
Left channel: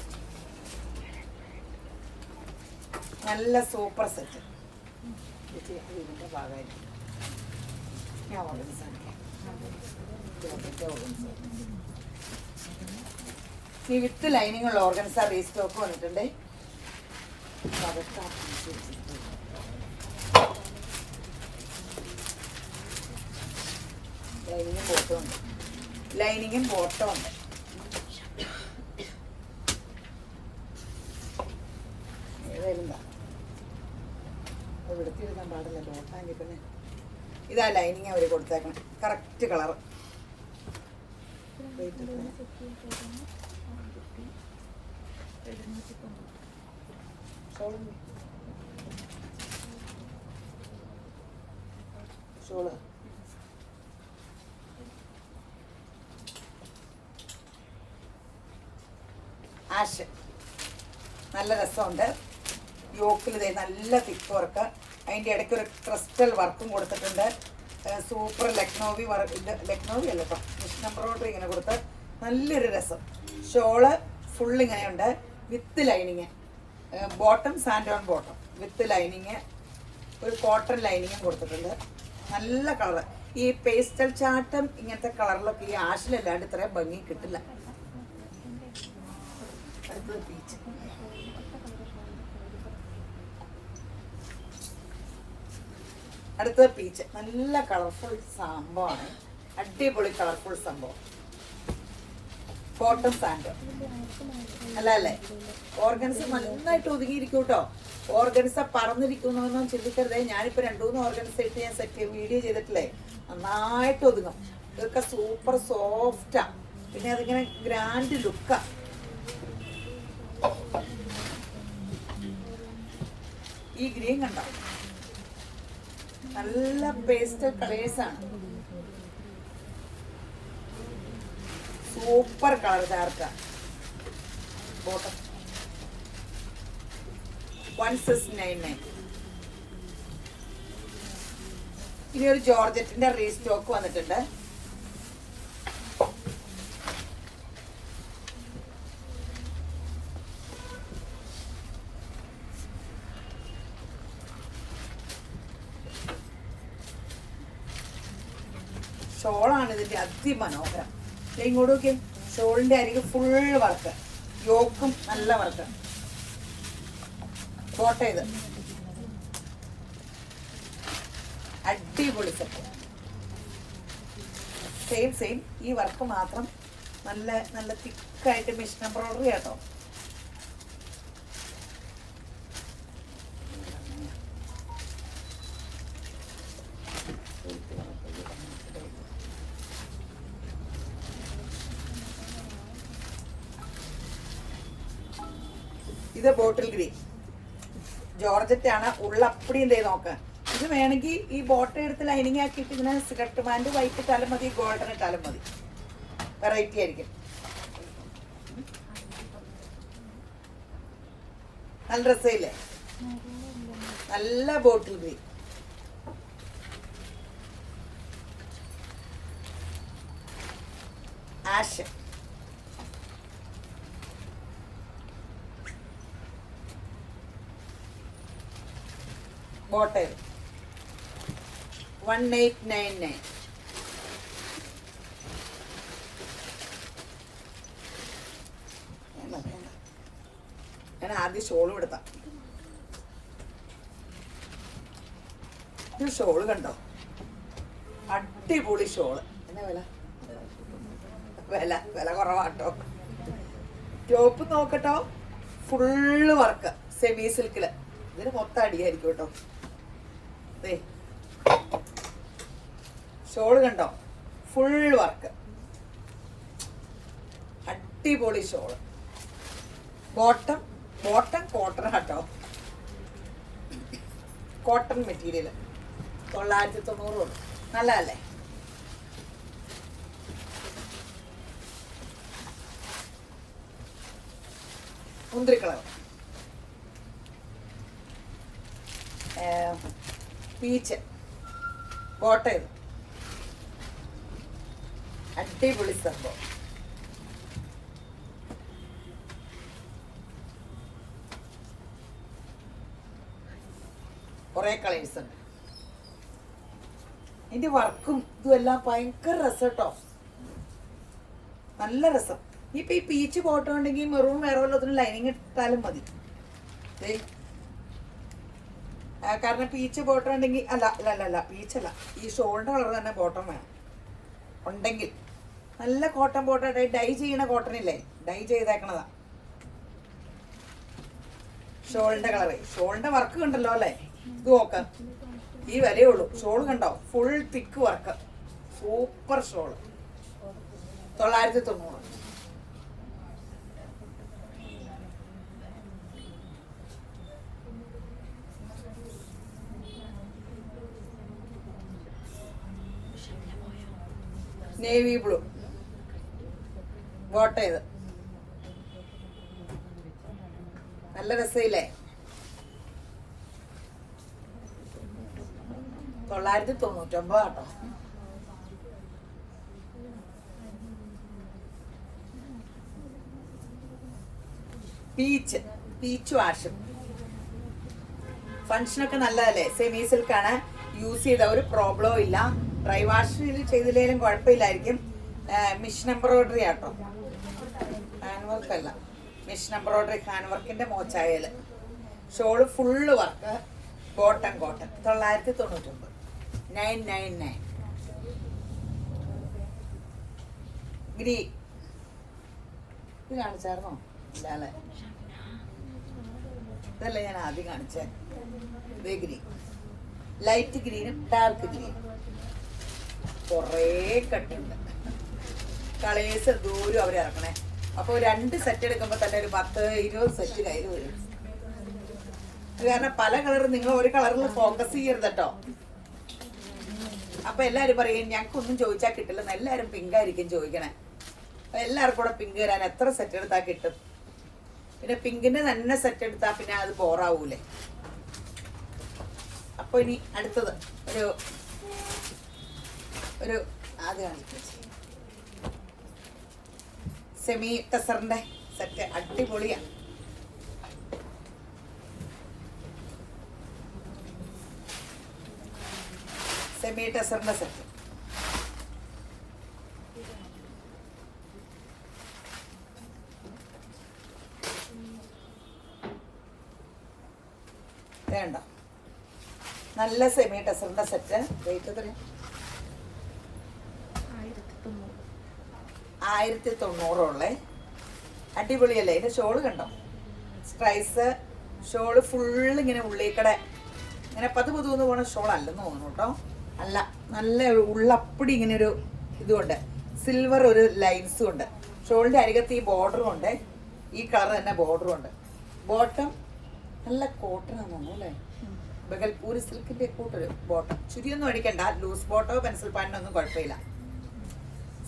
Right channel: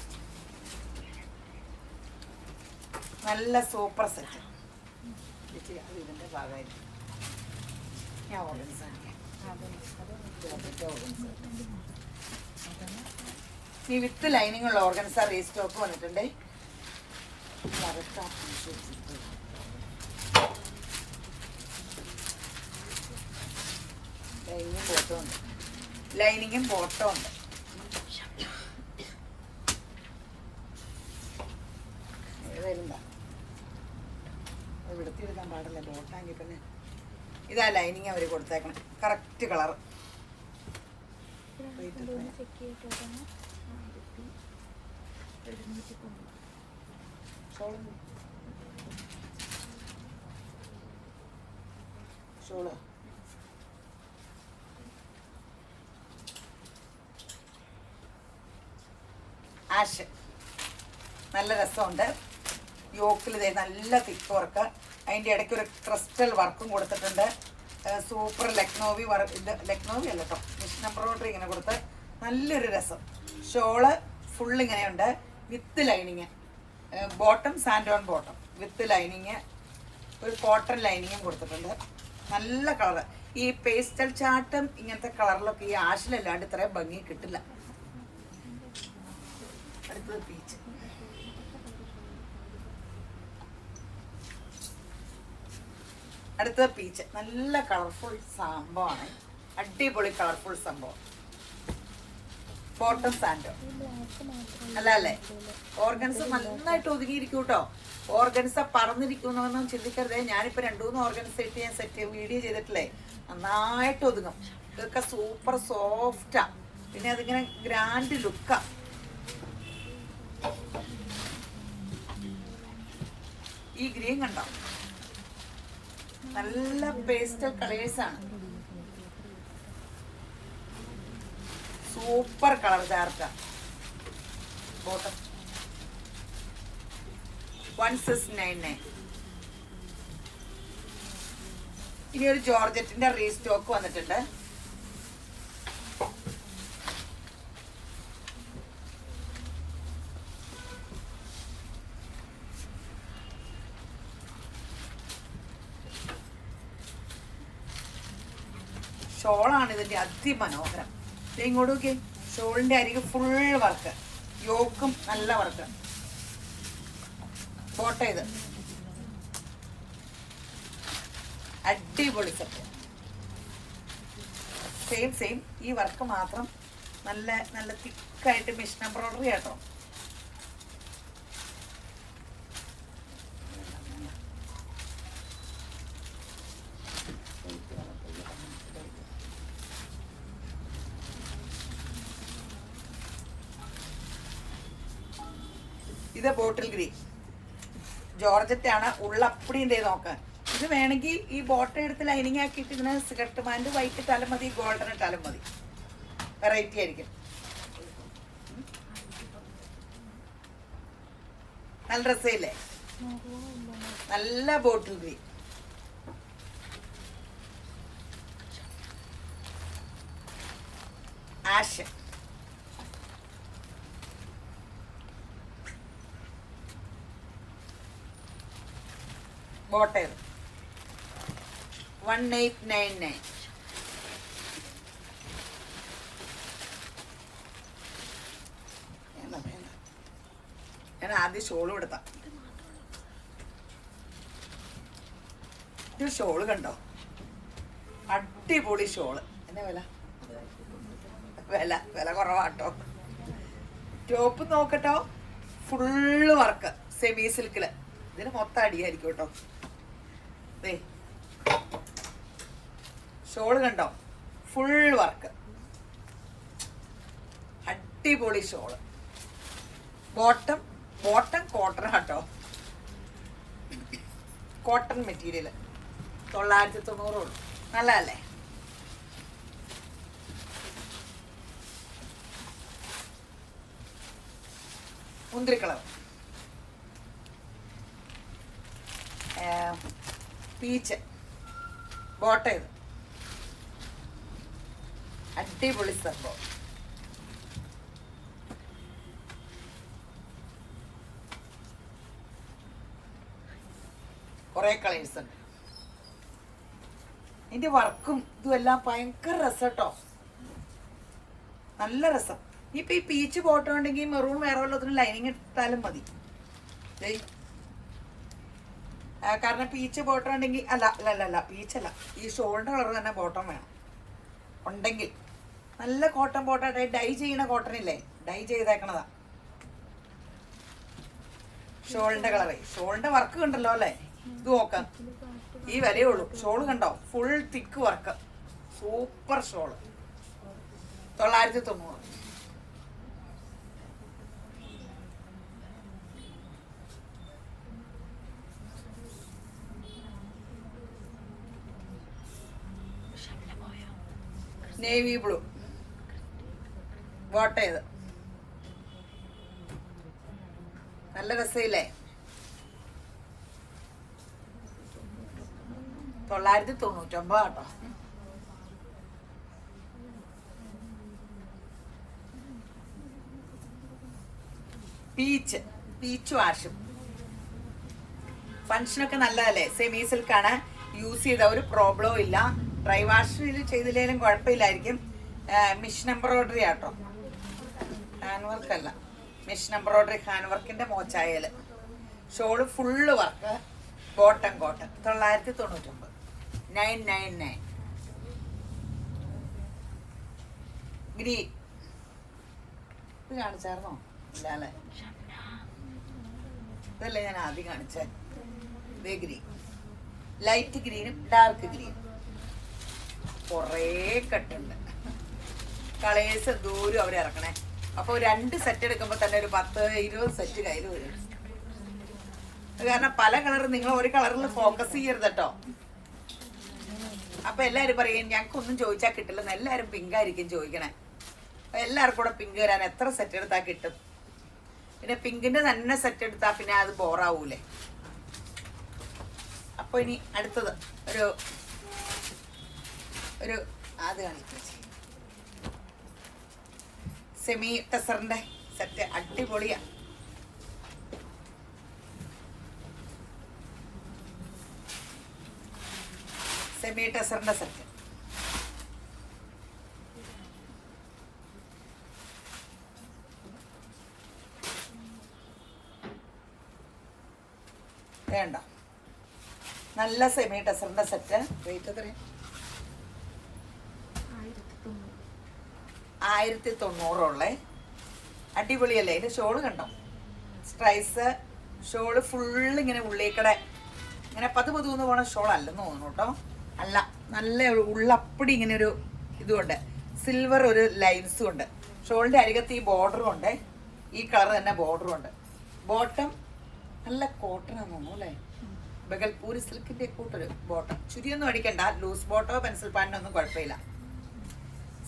നല്ല സൂപ്പർ സെറ്റ്. ഇതിന്റെ ഭാഗമായിട്ട് ഞാൻ ഓർഗൻസ് ഈ വിത്ത് ലൈനിങ്ങുള്ള ഓർഗൻസ റീസ്റ്റോക്ക് വന്നിട്ടുണ്ട്. ലൈനിങ്ങും ബോട്ടും ഉണ്ട്. ഏതായാലും എടുത്തിരുന്നാൻ പാടില്ല, ബോട്ടാങ്കിൽ തന്നെ ഇതാ ലൈനിങ് അവർ കൊടുത്തേക്കണം, കറക്റ്റ് കളർ. ഷോള് ആഷ് നല്ല രസമുണ്ട്. യോക്കിൽ ഇതേ നല്ല തിക്ക് വർക്ക്, അതിൻ്റെ ഇടയ്ക്ക് ഒരു ക്രിസ്റ്റൽ വർക്കും കൊടുത്തിട്ടുണ്ട്. സൂപ്പർ ലക്നോവി വർക്ക്, ലക്നോവി അല്ല കേട്ടോ, മിഷൻ എംബ്രോയിഡറി ഇങ്ങനെ കൊടുത്ത് നല്ലൊരു രസം. ഷോള് ഫുൾ ഇങ്ങനെയുണ്ട് with lining, bottom sand on bottom with lining, ഒരു കോട്ടൺ ലൈനിങ്ങും കൊടുത്തിട്ടുണ്ട്. നല്ല കളർ. ഈ പേസ്റ്റൽ ചാട്ടം ഇങ്ങനത്തെ കളറിലൊക്കെ ഈ ആഷിലല്ലാണ്ട് ഇത്രയും ഭംഗി കിട്ടില്ല. അടുത്തത് പീച്ച്. അടുത്തത് പീച്ച്. നല്ല കളർഫുൾ സംഭവമാണ്, അടിപൊളി കളർഫുൾ സംഭവം. ബോട്ടം സാൻഡ് അല്ല അല്ലേ? ഓർഗൻസ് നന്നായിട്ട് ഒതുങ്ങിയിരിക്കും കേട്ടോ. ഓർഗൻസ പറന്നിരിക്കുന്നൊന്നും ചിന്തിക്കരുതേ. ഞാനിപ്പോൾ 2-3 ഓർഗൻസ് ഇട്ട് ഞാൻ വീഡിയോ ചെയ്തിട്ടില്ലേ, നന്നായിട്ട് ഒതുങ്ങും. ഇതൊക്കെ സൂപ്പർ സോഫ്റ്റാ, പിന്നെ അതിങ്ങനെ ഗ്രാൻഡ് ലുക്കാ. ഈ ഗ്രീൻ കണ്ടോ, നല്ല പേസ്റ്റൽ കളേഴ്സാണ്, സൂപ്പർ കളർ ചാർട്ടാ. ബോട്ടം 1699. ഇനി ഒരു ജോർജറ്റിന്റെ റീസ്റ്റോക്ക് വന്നിട്ടുണ്ട്. ഷോളാണ് ഇതിന്റെ അതിമനോഹരം. ഇങ്ങോട്ട് നോക്കി, ഷോളിന്റെ അരികെ ഫുൾ വർക്ക്, യോക്കും നല്ല വർക്ക്. ബോട്ടം ഇത് അടിപൊളി സെറ്റ്, സെയിം ഈ വർക്ക് മാത്രം നല്ല നല്ല തിക്കായിട്ട് മിഷൻ എംബ്രോയിഡറി കേട്ടോ. ഇത് ബോട്ടിൽ ഗ്രീൻ ജോർജറ്റ് ആണ്, ഉള്ളപ്പടിയും ചെയ്ത് നോക്ക്. ഇത് വേണമെങ്കിൽ ഈ ബോട്ടം എടുത്ത് ലൈനിങ് ആക്കിയിട്ട് ഇതിന് സ്കർട്ട് പാൻറ് വൈറ്റ് ഇട്ടാലും മതി, ഗോൾഡൻ ഇട്ടാലും മതി, വെറൈറ്റി ആയിരിക്കും. നല്ല രസമില്ലേ? നല്ല ബോട്ടിൽ ഗ്രീൻ. Ash bottom 1899. ഞാൻ ആദ്യം ഷോളും എടുത്താ. ഇത് ഷോള് കണ്ടോ, അടിപൊളി ഷോള്. എന്നാ വില? വില കുറവാട്ടോ. ടോപ്പ് നോക്കട്ടോ, ഫുള്ള് വർക്ക് സെമി സിൽക്കില്. ഇതിന് മൊത്തം അടിയായിരിക്കും കേട്ടോ. ഷോള് കണ്ടോ, ഫുൾ വർക്ക്, അടിപൊളി ഷോള്. ബോട്ടം കോട്ടൺ കേട്ടോ, കോട്ടൺ മെറ്റീരിയൽ 990 ഉള്ളൂ. നല്ലതല്ലേ? മുന്തിരി കളർ, പീച്ച്. ബോട്ടം ഇത് അടിപൊളി സംഭവം. കുറെ കളേഴ്സ് ഉണ്ട്. ഇതിന്റെ വർക്കും ഇതും എല്ലാം ഭയങ്കര രസം കേട്ടോ, നല്ല രസം. ഇപ്പൊ ഈ പീച്ച് ബോട്ടം ഉണ്ടെങ്കിൽ മെറൂൺ വേറെ വല്ലതിന് ലൈനിങ് ഇട്ടാലും മതി. കാരണം പീച്ച് ബോട്ടം ഉണ്ടെങ്കിൽ അല്ല പീച്ചല്ല, ഈ ഷോളിന്റെ കളർ തന്നെ ബോട്ടം വേണം ഉണ്ടെങ്കിൽ. നല്ല കോട്ടൺ ബോട്ടം, ഡൈ ചെയ്യണ കോട്ടൺ ഇല്ലേ, ഡൈ ചെയ്തേക്കണതാ. ഷോളിന്റെ കളറ്, ഷോളിന്റെ വർക്ക് കണ്ടല്ലോ അല്ലേ? ഇത് നോക്കാം, ഈ വിലയേ ഉള്ളൂ. ഷോള് കണ്ടോ, full thick work, super shawl, 990. Navy blue ബോട്ട ചെയ്ത് നല്ല രസമില്ലേ? 999 കേട്ടോ. പീച്ച് വാഷും ഫങ്ഷനൊക്കെ നല്ലതല്ലേ? സെമി സിൽക്കാണ്, യൂസ് ചെയ്ത ഒരു പ്രോബ്ലവും ഇല്ല. ഡ്രൈ വാഷ് ചെയ്തില്ലേലും കുഴപ്പമില്ലായിരിക്കും. മിഷൻ എംബ്രോയിഡറി ആട്ടോ, ഹാൻഡ് വർക്ക് അല്ല, മിഷൻ എംബ്രോയിഡറി ഹാൻഡ് വർക്കിന്റെ മോച്ചായാല്. Shawl full work, cotton 999, 999. Green ഇത് കാണിച്ചായിരുന്നോ? ഇല്ലാല്ലേ, ഇതല്ലേ ഞാൻ ആദ്യം കാണിച്ചേ. ഇതേ ഗ്രീൻ, ലൈറ്റ് ഗ്രീനും ഡാർക്ക് ഗ്രീനും, കുറേ കട്ടുണ്ട്. കളേഴ്സ് ദൂരം അവർ ഇറക്കണേ. അപ്പോൾ 2 സെറ്റ് എടുക്കുമ്പോൾ തന്നെ ഒരു 10-20 സെറ്റ് കയ്യിൽ വരും. കാരണം പല കളർ, നിങ്ങൾ ഒരു കളറിൽ ഫോക്കസ് ചെയ്യരുത് കേട്ടോ. അപ്പൊ എല്ലാരും പറയും ഞങ്ങൾക്കൊന്നും ചോദിച്ചാൽ കിട്ടില്ലെന്ന്. എല്ലാരും പിങ്ക് ആയിരിക്കും ചോദിക്കണേ. എല്ലാവർക്കും കൂടെ പിങ്ക് തരാൻ എത്ര സെറ്റ് എടുത്താൽ കിട്ടും? പിന്നെ പിങ്കിന്റെ തന്നെ സെറ്റ് എടുത്താൽ പിന്നെ അത് ബോറാവൂലേ? അപ്പൊ ഇനി അടുത്തത് ഒരു അത് കാണിക്കും. സെമി ടെസറിന്റെ സെറ്റ് അടിപൊളിയാ. സെമി ടെസറിന്റെ സെറ്റ് വേണ്ട. നല്ല സെമി ടെസറിന്റെ സെറ്റ്. റേറ്റ് എത്രയാണ്? 1900 അടിപൊളിയല്ലേ? ഇതിന്റെ ഷോള് കണ്ടോ? സ്ട്രൈസ് ഷോള് ഫുള്ള് ഇങ്ങനെ ഉള്ളിക്കടെ ഇങ്ങനെ പതുപതുന്ന് പോണ ഷോൾ അല്ലെന്ന് തോന്നുന്നു കേട്ടോ. അല്ല, നല്ല ഉള്ളപ്പടി ഇങ്ങനെ ഒരു ഇതുണ്ട്, സിൽവർ ഒരു ലൈൻസും ഉണ്ട്. ഷോളിന്റെ അരികത്ത് ഈ ബോർഡറും ഉണ്ട്, ഈ കളർ തന്നെ ബോർഡറും ഉണ്ട്. ബോട്ടം നല്ല കോട്ടൺ ആണെന്ന് തോന്നുന്നു അല്ലേ? ബഗൽപൂരി സിൽക്കിന്റെ കൂട്ടൊരു ബോട്ടം. ചുരിയൊന്നും അടിക്കണ്ട, ലൂസ് ബോട്ടോ പെൻസിൽ പാൻറ്റൊന്നും കുഴപ്പമില്ല.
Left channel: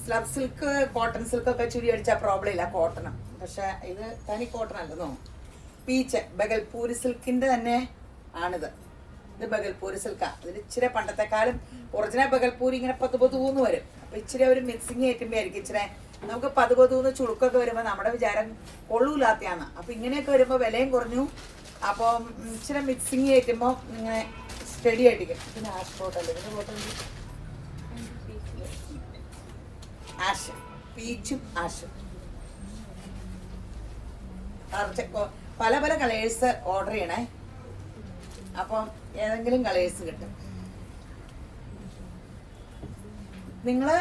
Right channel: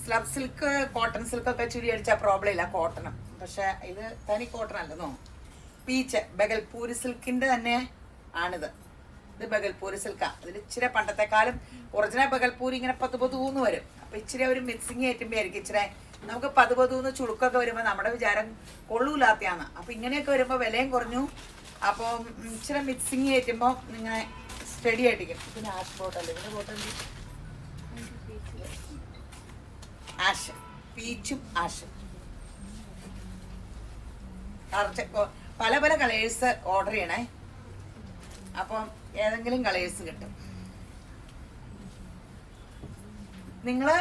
സ്ലബ് സിൽക്ക്, കോട്ടൺ സിൽക്കൊക്കെ ചുരി അടിച്ചാൽ പ്രോബ്ലം ഇല്ല, കോട്ടണം. പക്ഷെ ഇത് തനി കോട്ടൺ അല്ലെന്നോ. പീച്ച് ബഗൽപൂരി സിൽക്കിന്റെ തന്നെ ആണിത്. ഇത് ബഗൽപൂരി സിൽക്കാ. ഇതിൽ ഇച്ചിരി പണ്ടത്തെക്കാലം ഒറിജിനൽ ബഗൽപൂരി ഇങ്ങനെ 10-10 വരും. അപ്പൊ ഇച്ചിരി ഒരു മിക്സിങ് ആയിട്ടുമ്പോ ആയിരിക്കും ഇച്ചിരി നമുക്ക് 10-10 ചുളുക്കൊക്കെ വരുമ്പോ നമ്മുടെ വിചാരം കൊള്ളൂലാത്തയാണ്. അപ്പൊ ഇങ്ങനെയൊക്കെ വരുമ്പോ വിലയും കുറഞ്ഞു. അപ്പം ഇച്ചിരി മിക്സിങ് ആയിട്ടുമ്പോ ഇങ്ങനെ സ്റ്റഡി ആയിട്ടിരിക്കും. പിന്നെ ആഷ് ബോട്ടല്ലേ, ഇതിന്റെ ബോട്ടൽ ആഷ്, പീച്ചും ആഷും. പല പല കളേഴ്സ് ഓർഡർ ചെയ്യണേ. അപ്പം ഏതെങ്കിലും കളേഴ്സ് കിട്ടും. നിങ്ങള്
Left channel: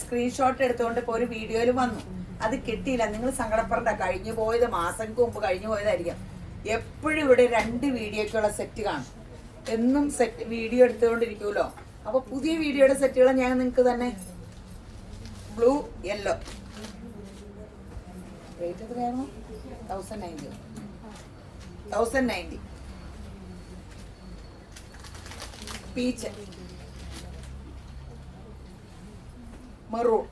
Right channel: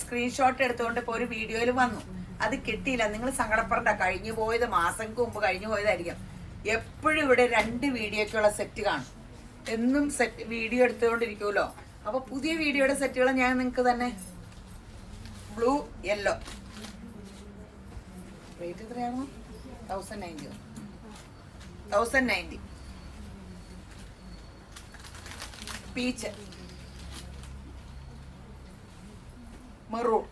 സ്ക്രീൻഷോട്ട് എടുത്തുകൊണ്ട് ഇപ്പോൾ ഒരു വീഡിയോയിൽ വന്നു, അത് കിട്ടിയില്ല, നിങ്ങൾ സങ്കടപ്പെടണ്ട. കഴിഞ്ഞു പോയത് മാസങ്ങൾക്ക് മുമ്പ് കഴിഞ്ഞു പോയതായിരിക്കും. എപ്പോഴും ഇവിടെ 2 വീഡിയോക്കുള്ള സെറ്റ് കാണും. എന്നും സെറ്റ് വീഡിയോ എടുത്തുകൊണ്ടിരിക്കുമല്ലോ. അപ്പൊ പുതിയ വീഡിയോയുടെ സെറ്റുകൾ ഞാൻ നിങ്ങൾക്ക് തന്നെ. ബ്ലൂ യെല്ലോ റേറ്റ് എത്രയാണോ? 1090. പീച്ച്, മെറൂൺ,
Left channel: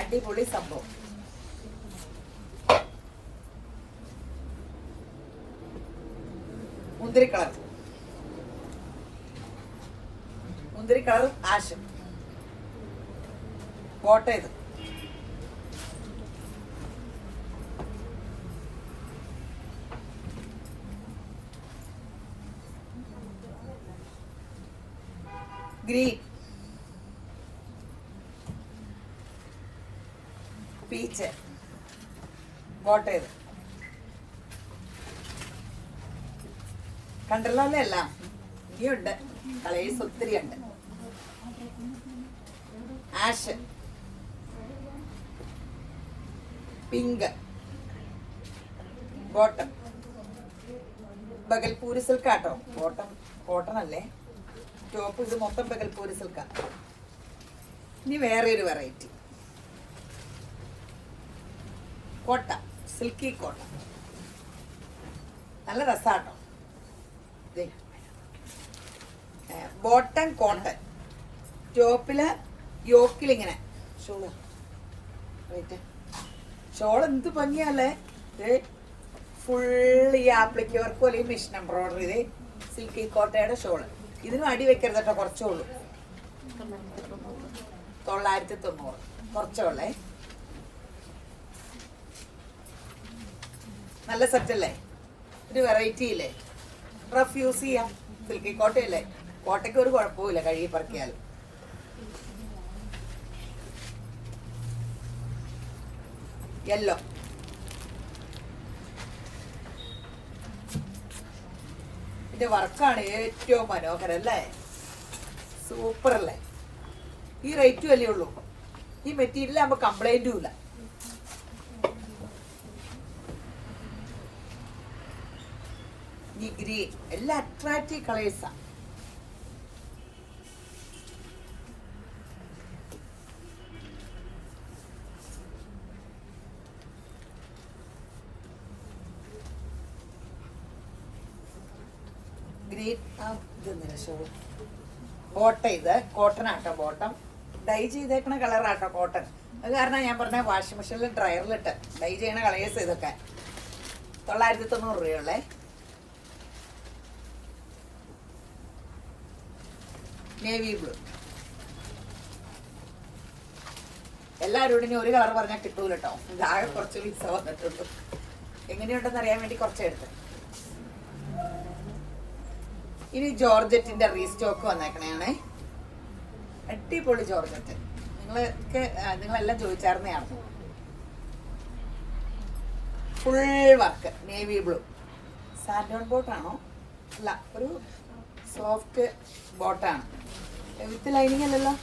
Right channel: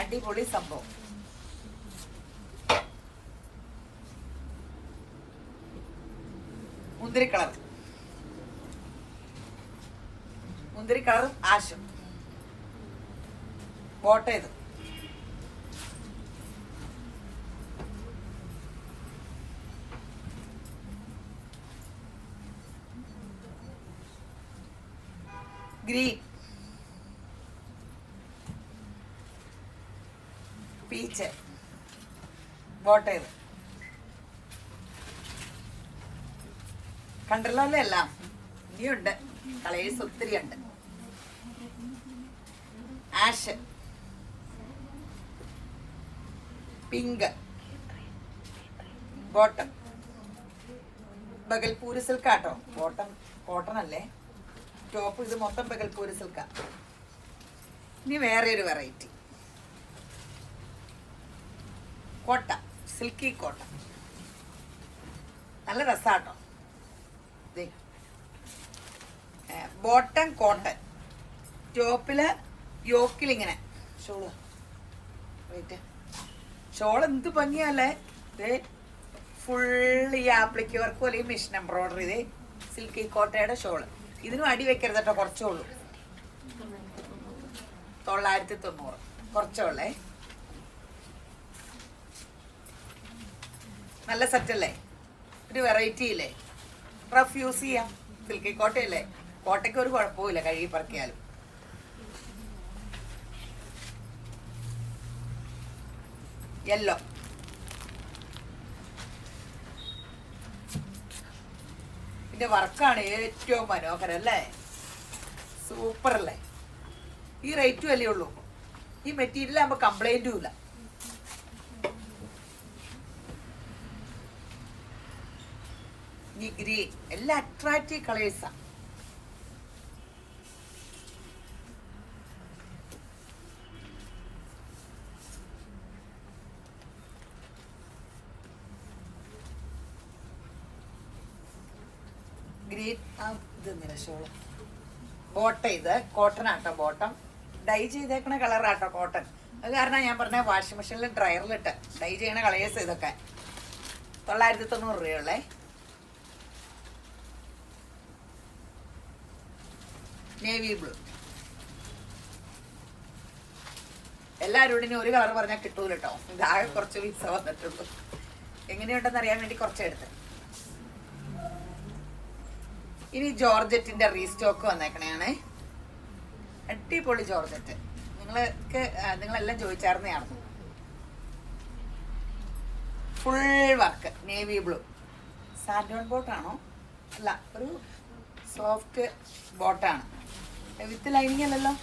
അടിപൊളി സംഭവം. മുന്തിരി കളർ ആഷും ബോട്ട ഇത്. ഗ്രീൻ, പീച്ച്, ബോട്ട ഇത്. കണ്ടല്ലോ അല്ലേ? എല്ലാം ഇനിയുണ്ട്, കളേഴ്സ് ഒത്തിരി ഉണ്ട്. ആഷ്, പിങ്ക് ബോട്ടം, ബഗൽപൂരി സിൽക്കാട്ടോ, ബോട്ടം കോട്ടൺ അല്ലേ, ടോപ്പ് ഇത് മൊത്തം ബഗൽപൂരി സിൽക്കാ. ഇനി വേറെ ഒരു വെറൈറ്റി കോട്ട, സിൽക്കി കോട്ട, നല്ല രസാട്ടോ. ബോട്ടം കോട്ടൺ, ടോപ്പില് യോക്കിലിങ്ങനെ ഷോള്. ഷോൾ എന്ത് ഭംഗിയല്ലേ, ഫുൾ ഈ ആപ്ലിക്ക് വർക്ക് പോലെ മെഷീൻ എംബ്രോയിഡറി. ഇതേ സിൽക്കി കോട്ടയുടെ ഷോള്. ഇതിനും അടി വെക്കരുത് കേട്ടോ, കുറച്ചേ ഉള്ളൂ, 990 കുറച്ചേ ഉള്ളേ. നല്ല സെറ്റല്ലേ, ഒരു വെറൈറ്റി ഇല്ലേ, റഫ് യൂസ് ചെയ്യാം. സിൽക്കി കോട്ടയല്ലേ, കോട്ടയ്ക്ക് ഒരു കുഴപ്പമില്ല, കഴുകി പറക്കിയാലും. യെല്ലോ, ഇതിന്റെ വർക്കാണ് ഏറ്റവും മനോഹരം അല്ലേ, സൂപ്പർ അല്ലേ. ഈ റേറ്റും അല്ലേ ഉള്ളൂ, ഈ മെറ്റീരിയൽ ആകുമ്പോ കംപ്ലൈന്റും ഇല്ല. ഈ ഗ്രീൻ എല്ലാം അട്രാക്റ്റീവ് കളേഴ്സാ. ഗ്രീൻ ഇത് ഷോൾ. ബോട്ടം ഇത് കോട്ടൺ ആട്ടോ, ബോട്ടം ഡൈ ചെയ്തേക്കണ കളറാട്ടോ കോട്ടൺ. അത് കാരണം ഞാൻ പറഞ്ഞ വാഷിംഗ് മെഷീനിൽ ഡ്രയറിലിട്ട് ഡൈ ചെയ്യണ കളേഴ്സ് ഇതൊക്കെ. 990 രൂപയുള്ളേ. Navy blue. എല്ലാവരും ഇനി ഒരു കളർ പറഞ്ഞാൽ കിട്ടൂല കേട്ടോ, ഇതാകെ കുറച്ച് പീസ വന്നിട്ടുള്ളൂ. എങ്ങനെയുണ്ടെന്ന് അറിയാൻ വേണ്ടി കുറച്ചെടുത്ത്. ഇനി ജോർജറ്റിന്റെ റീസ്റ്റോക്ക് വന്നേക്കണേ, അടിപൊളി ജോർജറ്റ്. നിങ്ങളെല്ലാം ചോദിച്ചായിരുന്നതാണ്. Full work navy blue. സാൻഡോൺ ബോട്ടാണോ? അല്ല, ഒരു സോഫ്റ്റ് ബോട്ടാണ്, വിത്ത് ലൈനിങ് അല്ലല്ലോ.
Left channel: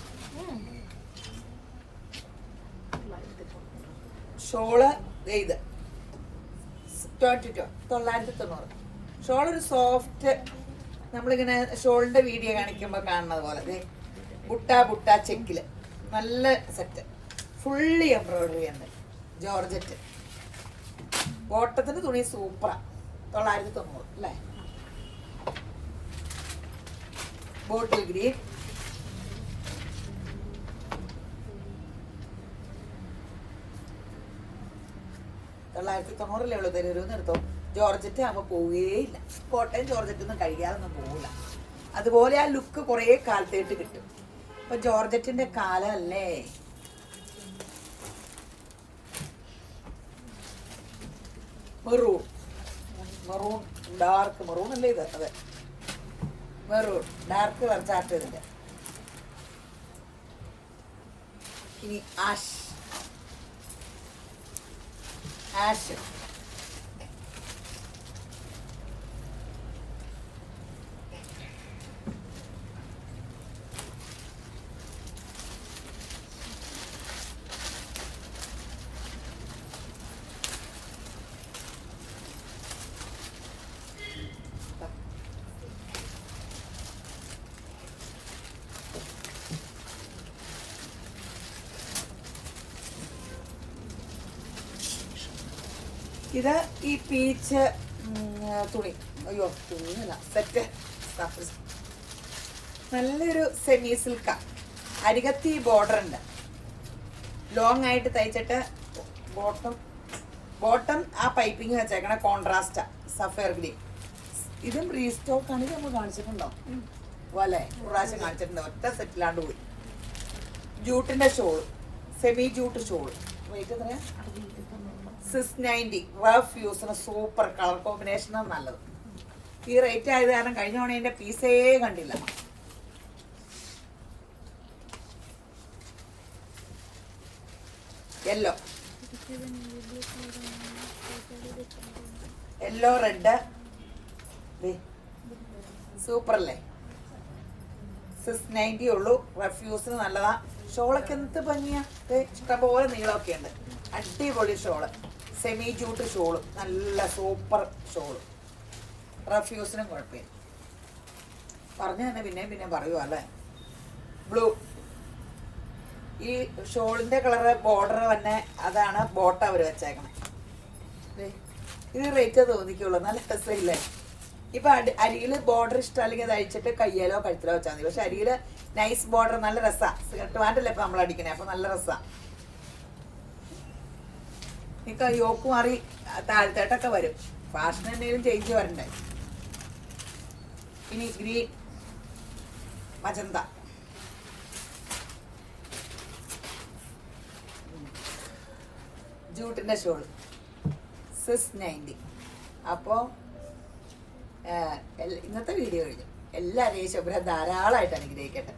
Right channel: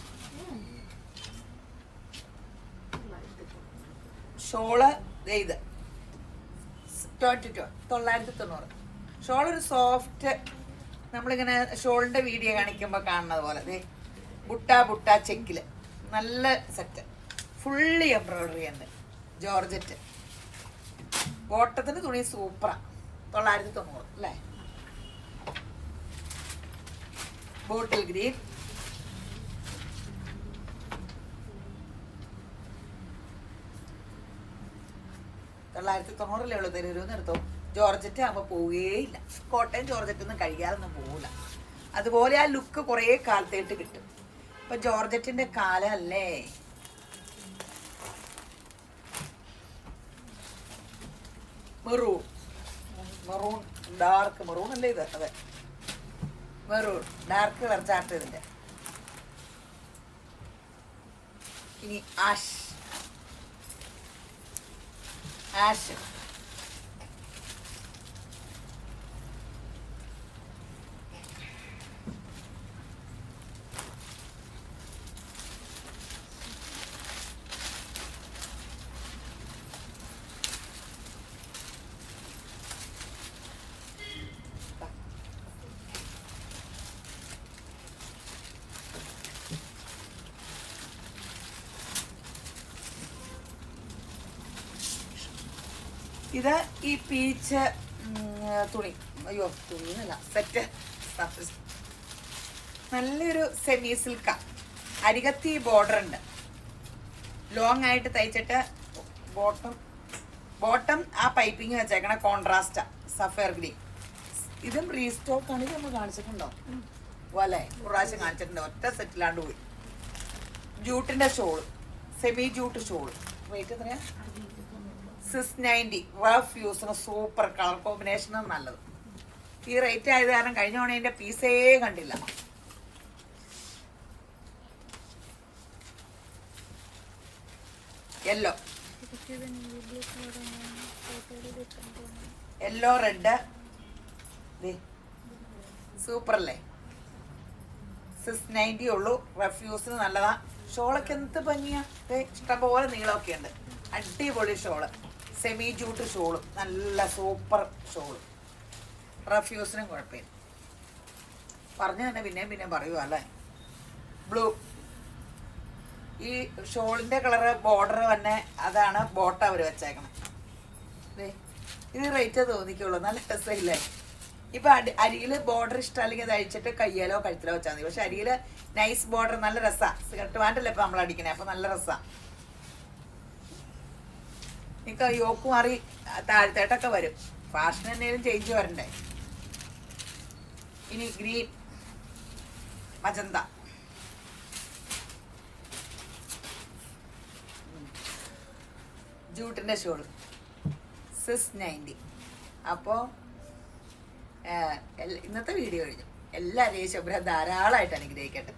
ഷോള് ഇത് 990. ഷോളൊരു സോഫ്റ്റ്, നമ്മളിങ്ങനെ ഷോളിന്റെ വീഡിയോ കാണിക്കുമ്പോൾ കാണുന്നത് പോലെ ബുട്ട ചെക്കില് നല്ല സെറ്റ്, ഫുള്ളി എംബ്രോയിഡറി ഉണ്ട്. ജോർജറ്റ് ബോട്ടത്തിന്റെ തുണി സൂപ്പറാ. 990 അല്ലേ. ബോട്ടിൽ ഗ്രീൻ, $990 ഉള്ളൂ. തരൂന്ന് എടുത്തോ. ജോർജറ്റ് ആകുമ്പോൾ പോവുകയില്ല. കോട്ടയം ജോർജറ്റ് ഒന്നും കഴിക്കാറൊന്നും പോവില്ല. അതുപോലെ ആ ലുക്ക് കുറേ കാലത്തേട്ട് കിട്ടും. ഇപ്പൊ ജോർജറ്റിന്റെ കാലല്ലേ. മെറൂൺ, ഡാർക്ക് മെറൂൺ അല്ലേ ഇത്? അതെ, മെറൂൺ ഡാർക്ക് കളർ ചാർട്ട് ഇതിന്റെ. ഇനി ആഷ്, ഇത് ഈ പീച്ച് തുണി, അയ്യോ തുണിയല്ല, സെറ്റ് നല്ലൊരു സെമി സിൽക്ക. അരികത്തി ബോർഡർ ഉണ്ട്, ലോങ് ആയിട്ട് തയ്ച്ചിട്ട് ബോട്ടം ആ പൈപ്പിങ് വെച്ചേക്കണ കോൺട്രാസ്റ്റാ, സഫയർ ഗ്രീൻ. ഇതും റീസ്റ്റോക്ക് ആണ്. ഇതൊന്ന് കാണിച്ചിട്ടുണ്ടോ? അല്ലേ, പ്രാവശ്യം കാണിച്ചിട്ടുണ്ടോ, ഒറ്റ സെറ്റിലാണ്ട് പോയി. ജൂട്ടിന്റെ shawl, semi jute shawl. Rate എത്രയാ? 690. റഫ് യൂസിന് സൂപ്പർ കളർ കോമ്പിനേഷനും നല്ലത്. ഈ റേറ്റ് ആയത് കാരണം കഴിഞ്ഞ തവണ ഇതിന്റെ പീസേ കണ്ടില്ല. യെല്ലോ, റെഡ്, സൂപ്പർ അല്ലേ. 690 ഉള്ളൂ. റഫ് യൂസിന് നല്ലതാ. ഷോളൊക്കെ എന്ത് ഭംഗിയാ, ഇഷ്ടംപോലെ നീളമൊക്കെ ഉണ്ട്. അടിപൊളി ഷോള്, സെമി ജൂട്ട് ഷോളും, നല്ല സൂപ്പർ ഷോളും. റഫ്യൂസിനും കുഴപ്പമില്ല. പറഞ്ഞു തന്നെ പിന്നെയും പറയുക അല്ലേ. ബ്ലൂ, ഈ ഷോളിന്റെ കളറ് ബോർഡർ തന്നെ അതാണ് ബോട്ട അവർ വെച്ചേക്കണം. ഇത് റേറ്റ് തോന്നിക്കുള്ളൂ, നല്ല രസമില്ലേ. ഇപ്പൊ അരിയിൽ ബോർഡർ ഇഷ്ടം അല്ലെങ്കിൽ അത് അഴിച്ചിട്ട് കയ്യാലോ കഴുത്തിലോ വെച്ചാൽ മതി. പക്ഷെ അരിയിൽ നൈസ് ബോർഡർ നല്ല രസമാണ്. സ്കർട്ട് പാൻ്റല്ലേ ഇപ്പൊ നമ്മൾ അടിക്കണേ, അപ്പൊ നല്ല രസമാണ്. എനിക്ക് യോക്ക് മാറി താഴത്തേട്ടൊക്കെ വരും. ഫാഷൻ എന്തെങ്കിലും ചേഞ്ച് വരണ്ടേ. ഇനി ഗ്രീൻ, മജന്ത, ജൂട്ടിന്റെ ഷോള് 690. അപ്പോൾ ഇന്നത്തെ വീഡിയോ കഴിഞ്ഞു. എല്ലാവരെയും ശുഭ്ര ധാരാളമായിട്ട് അനുഗ്രഹിക്കട്ടെ.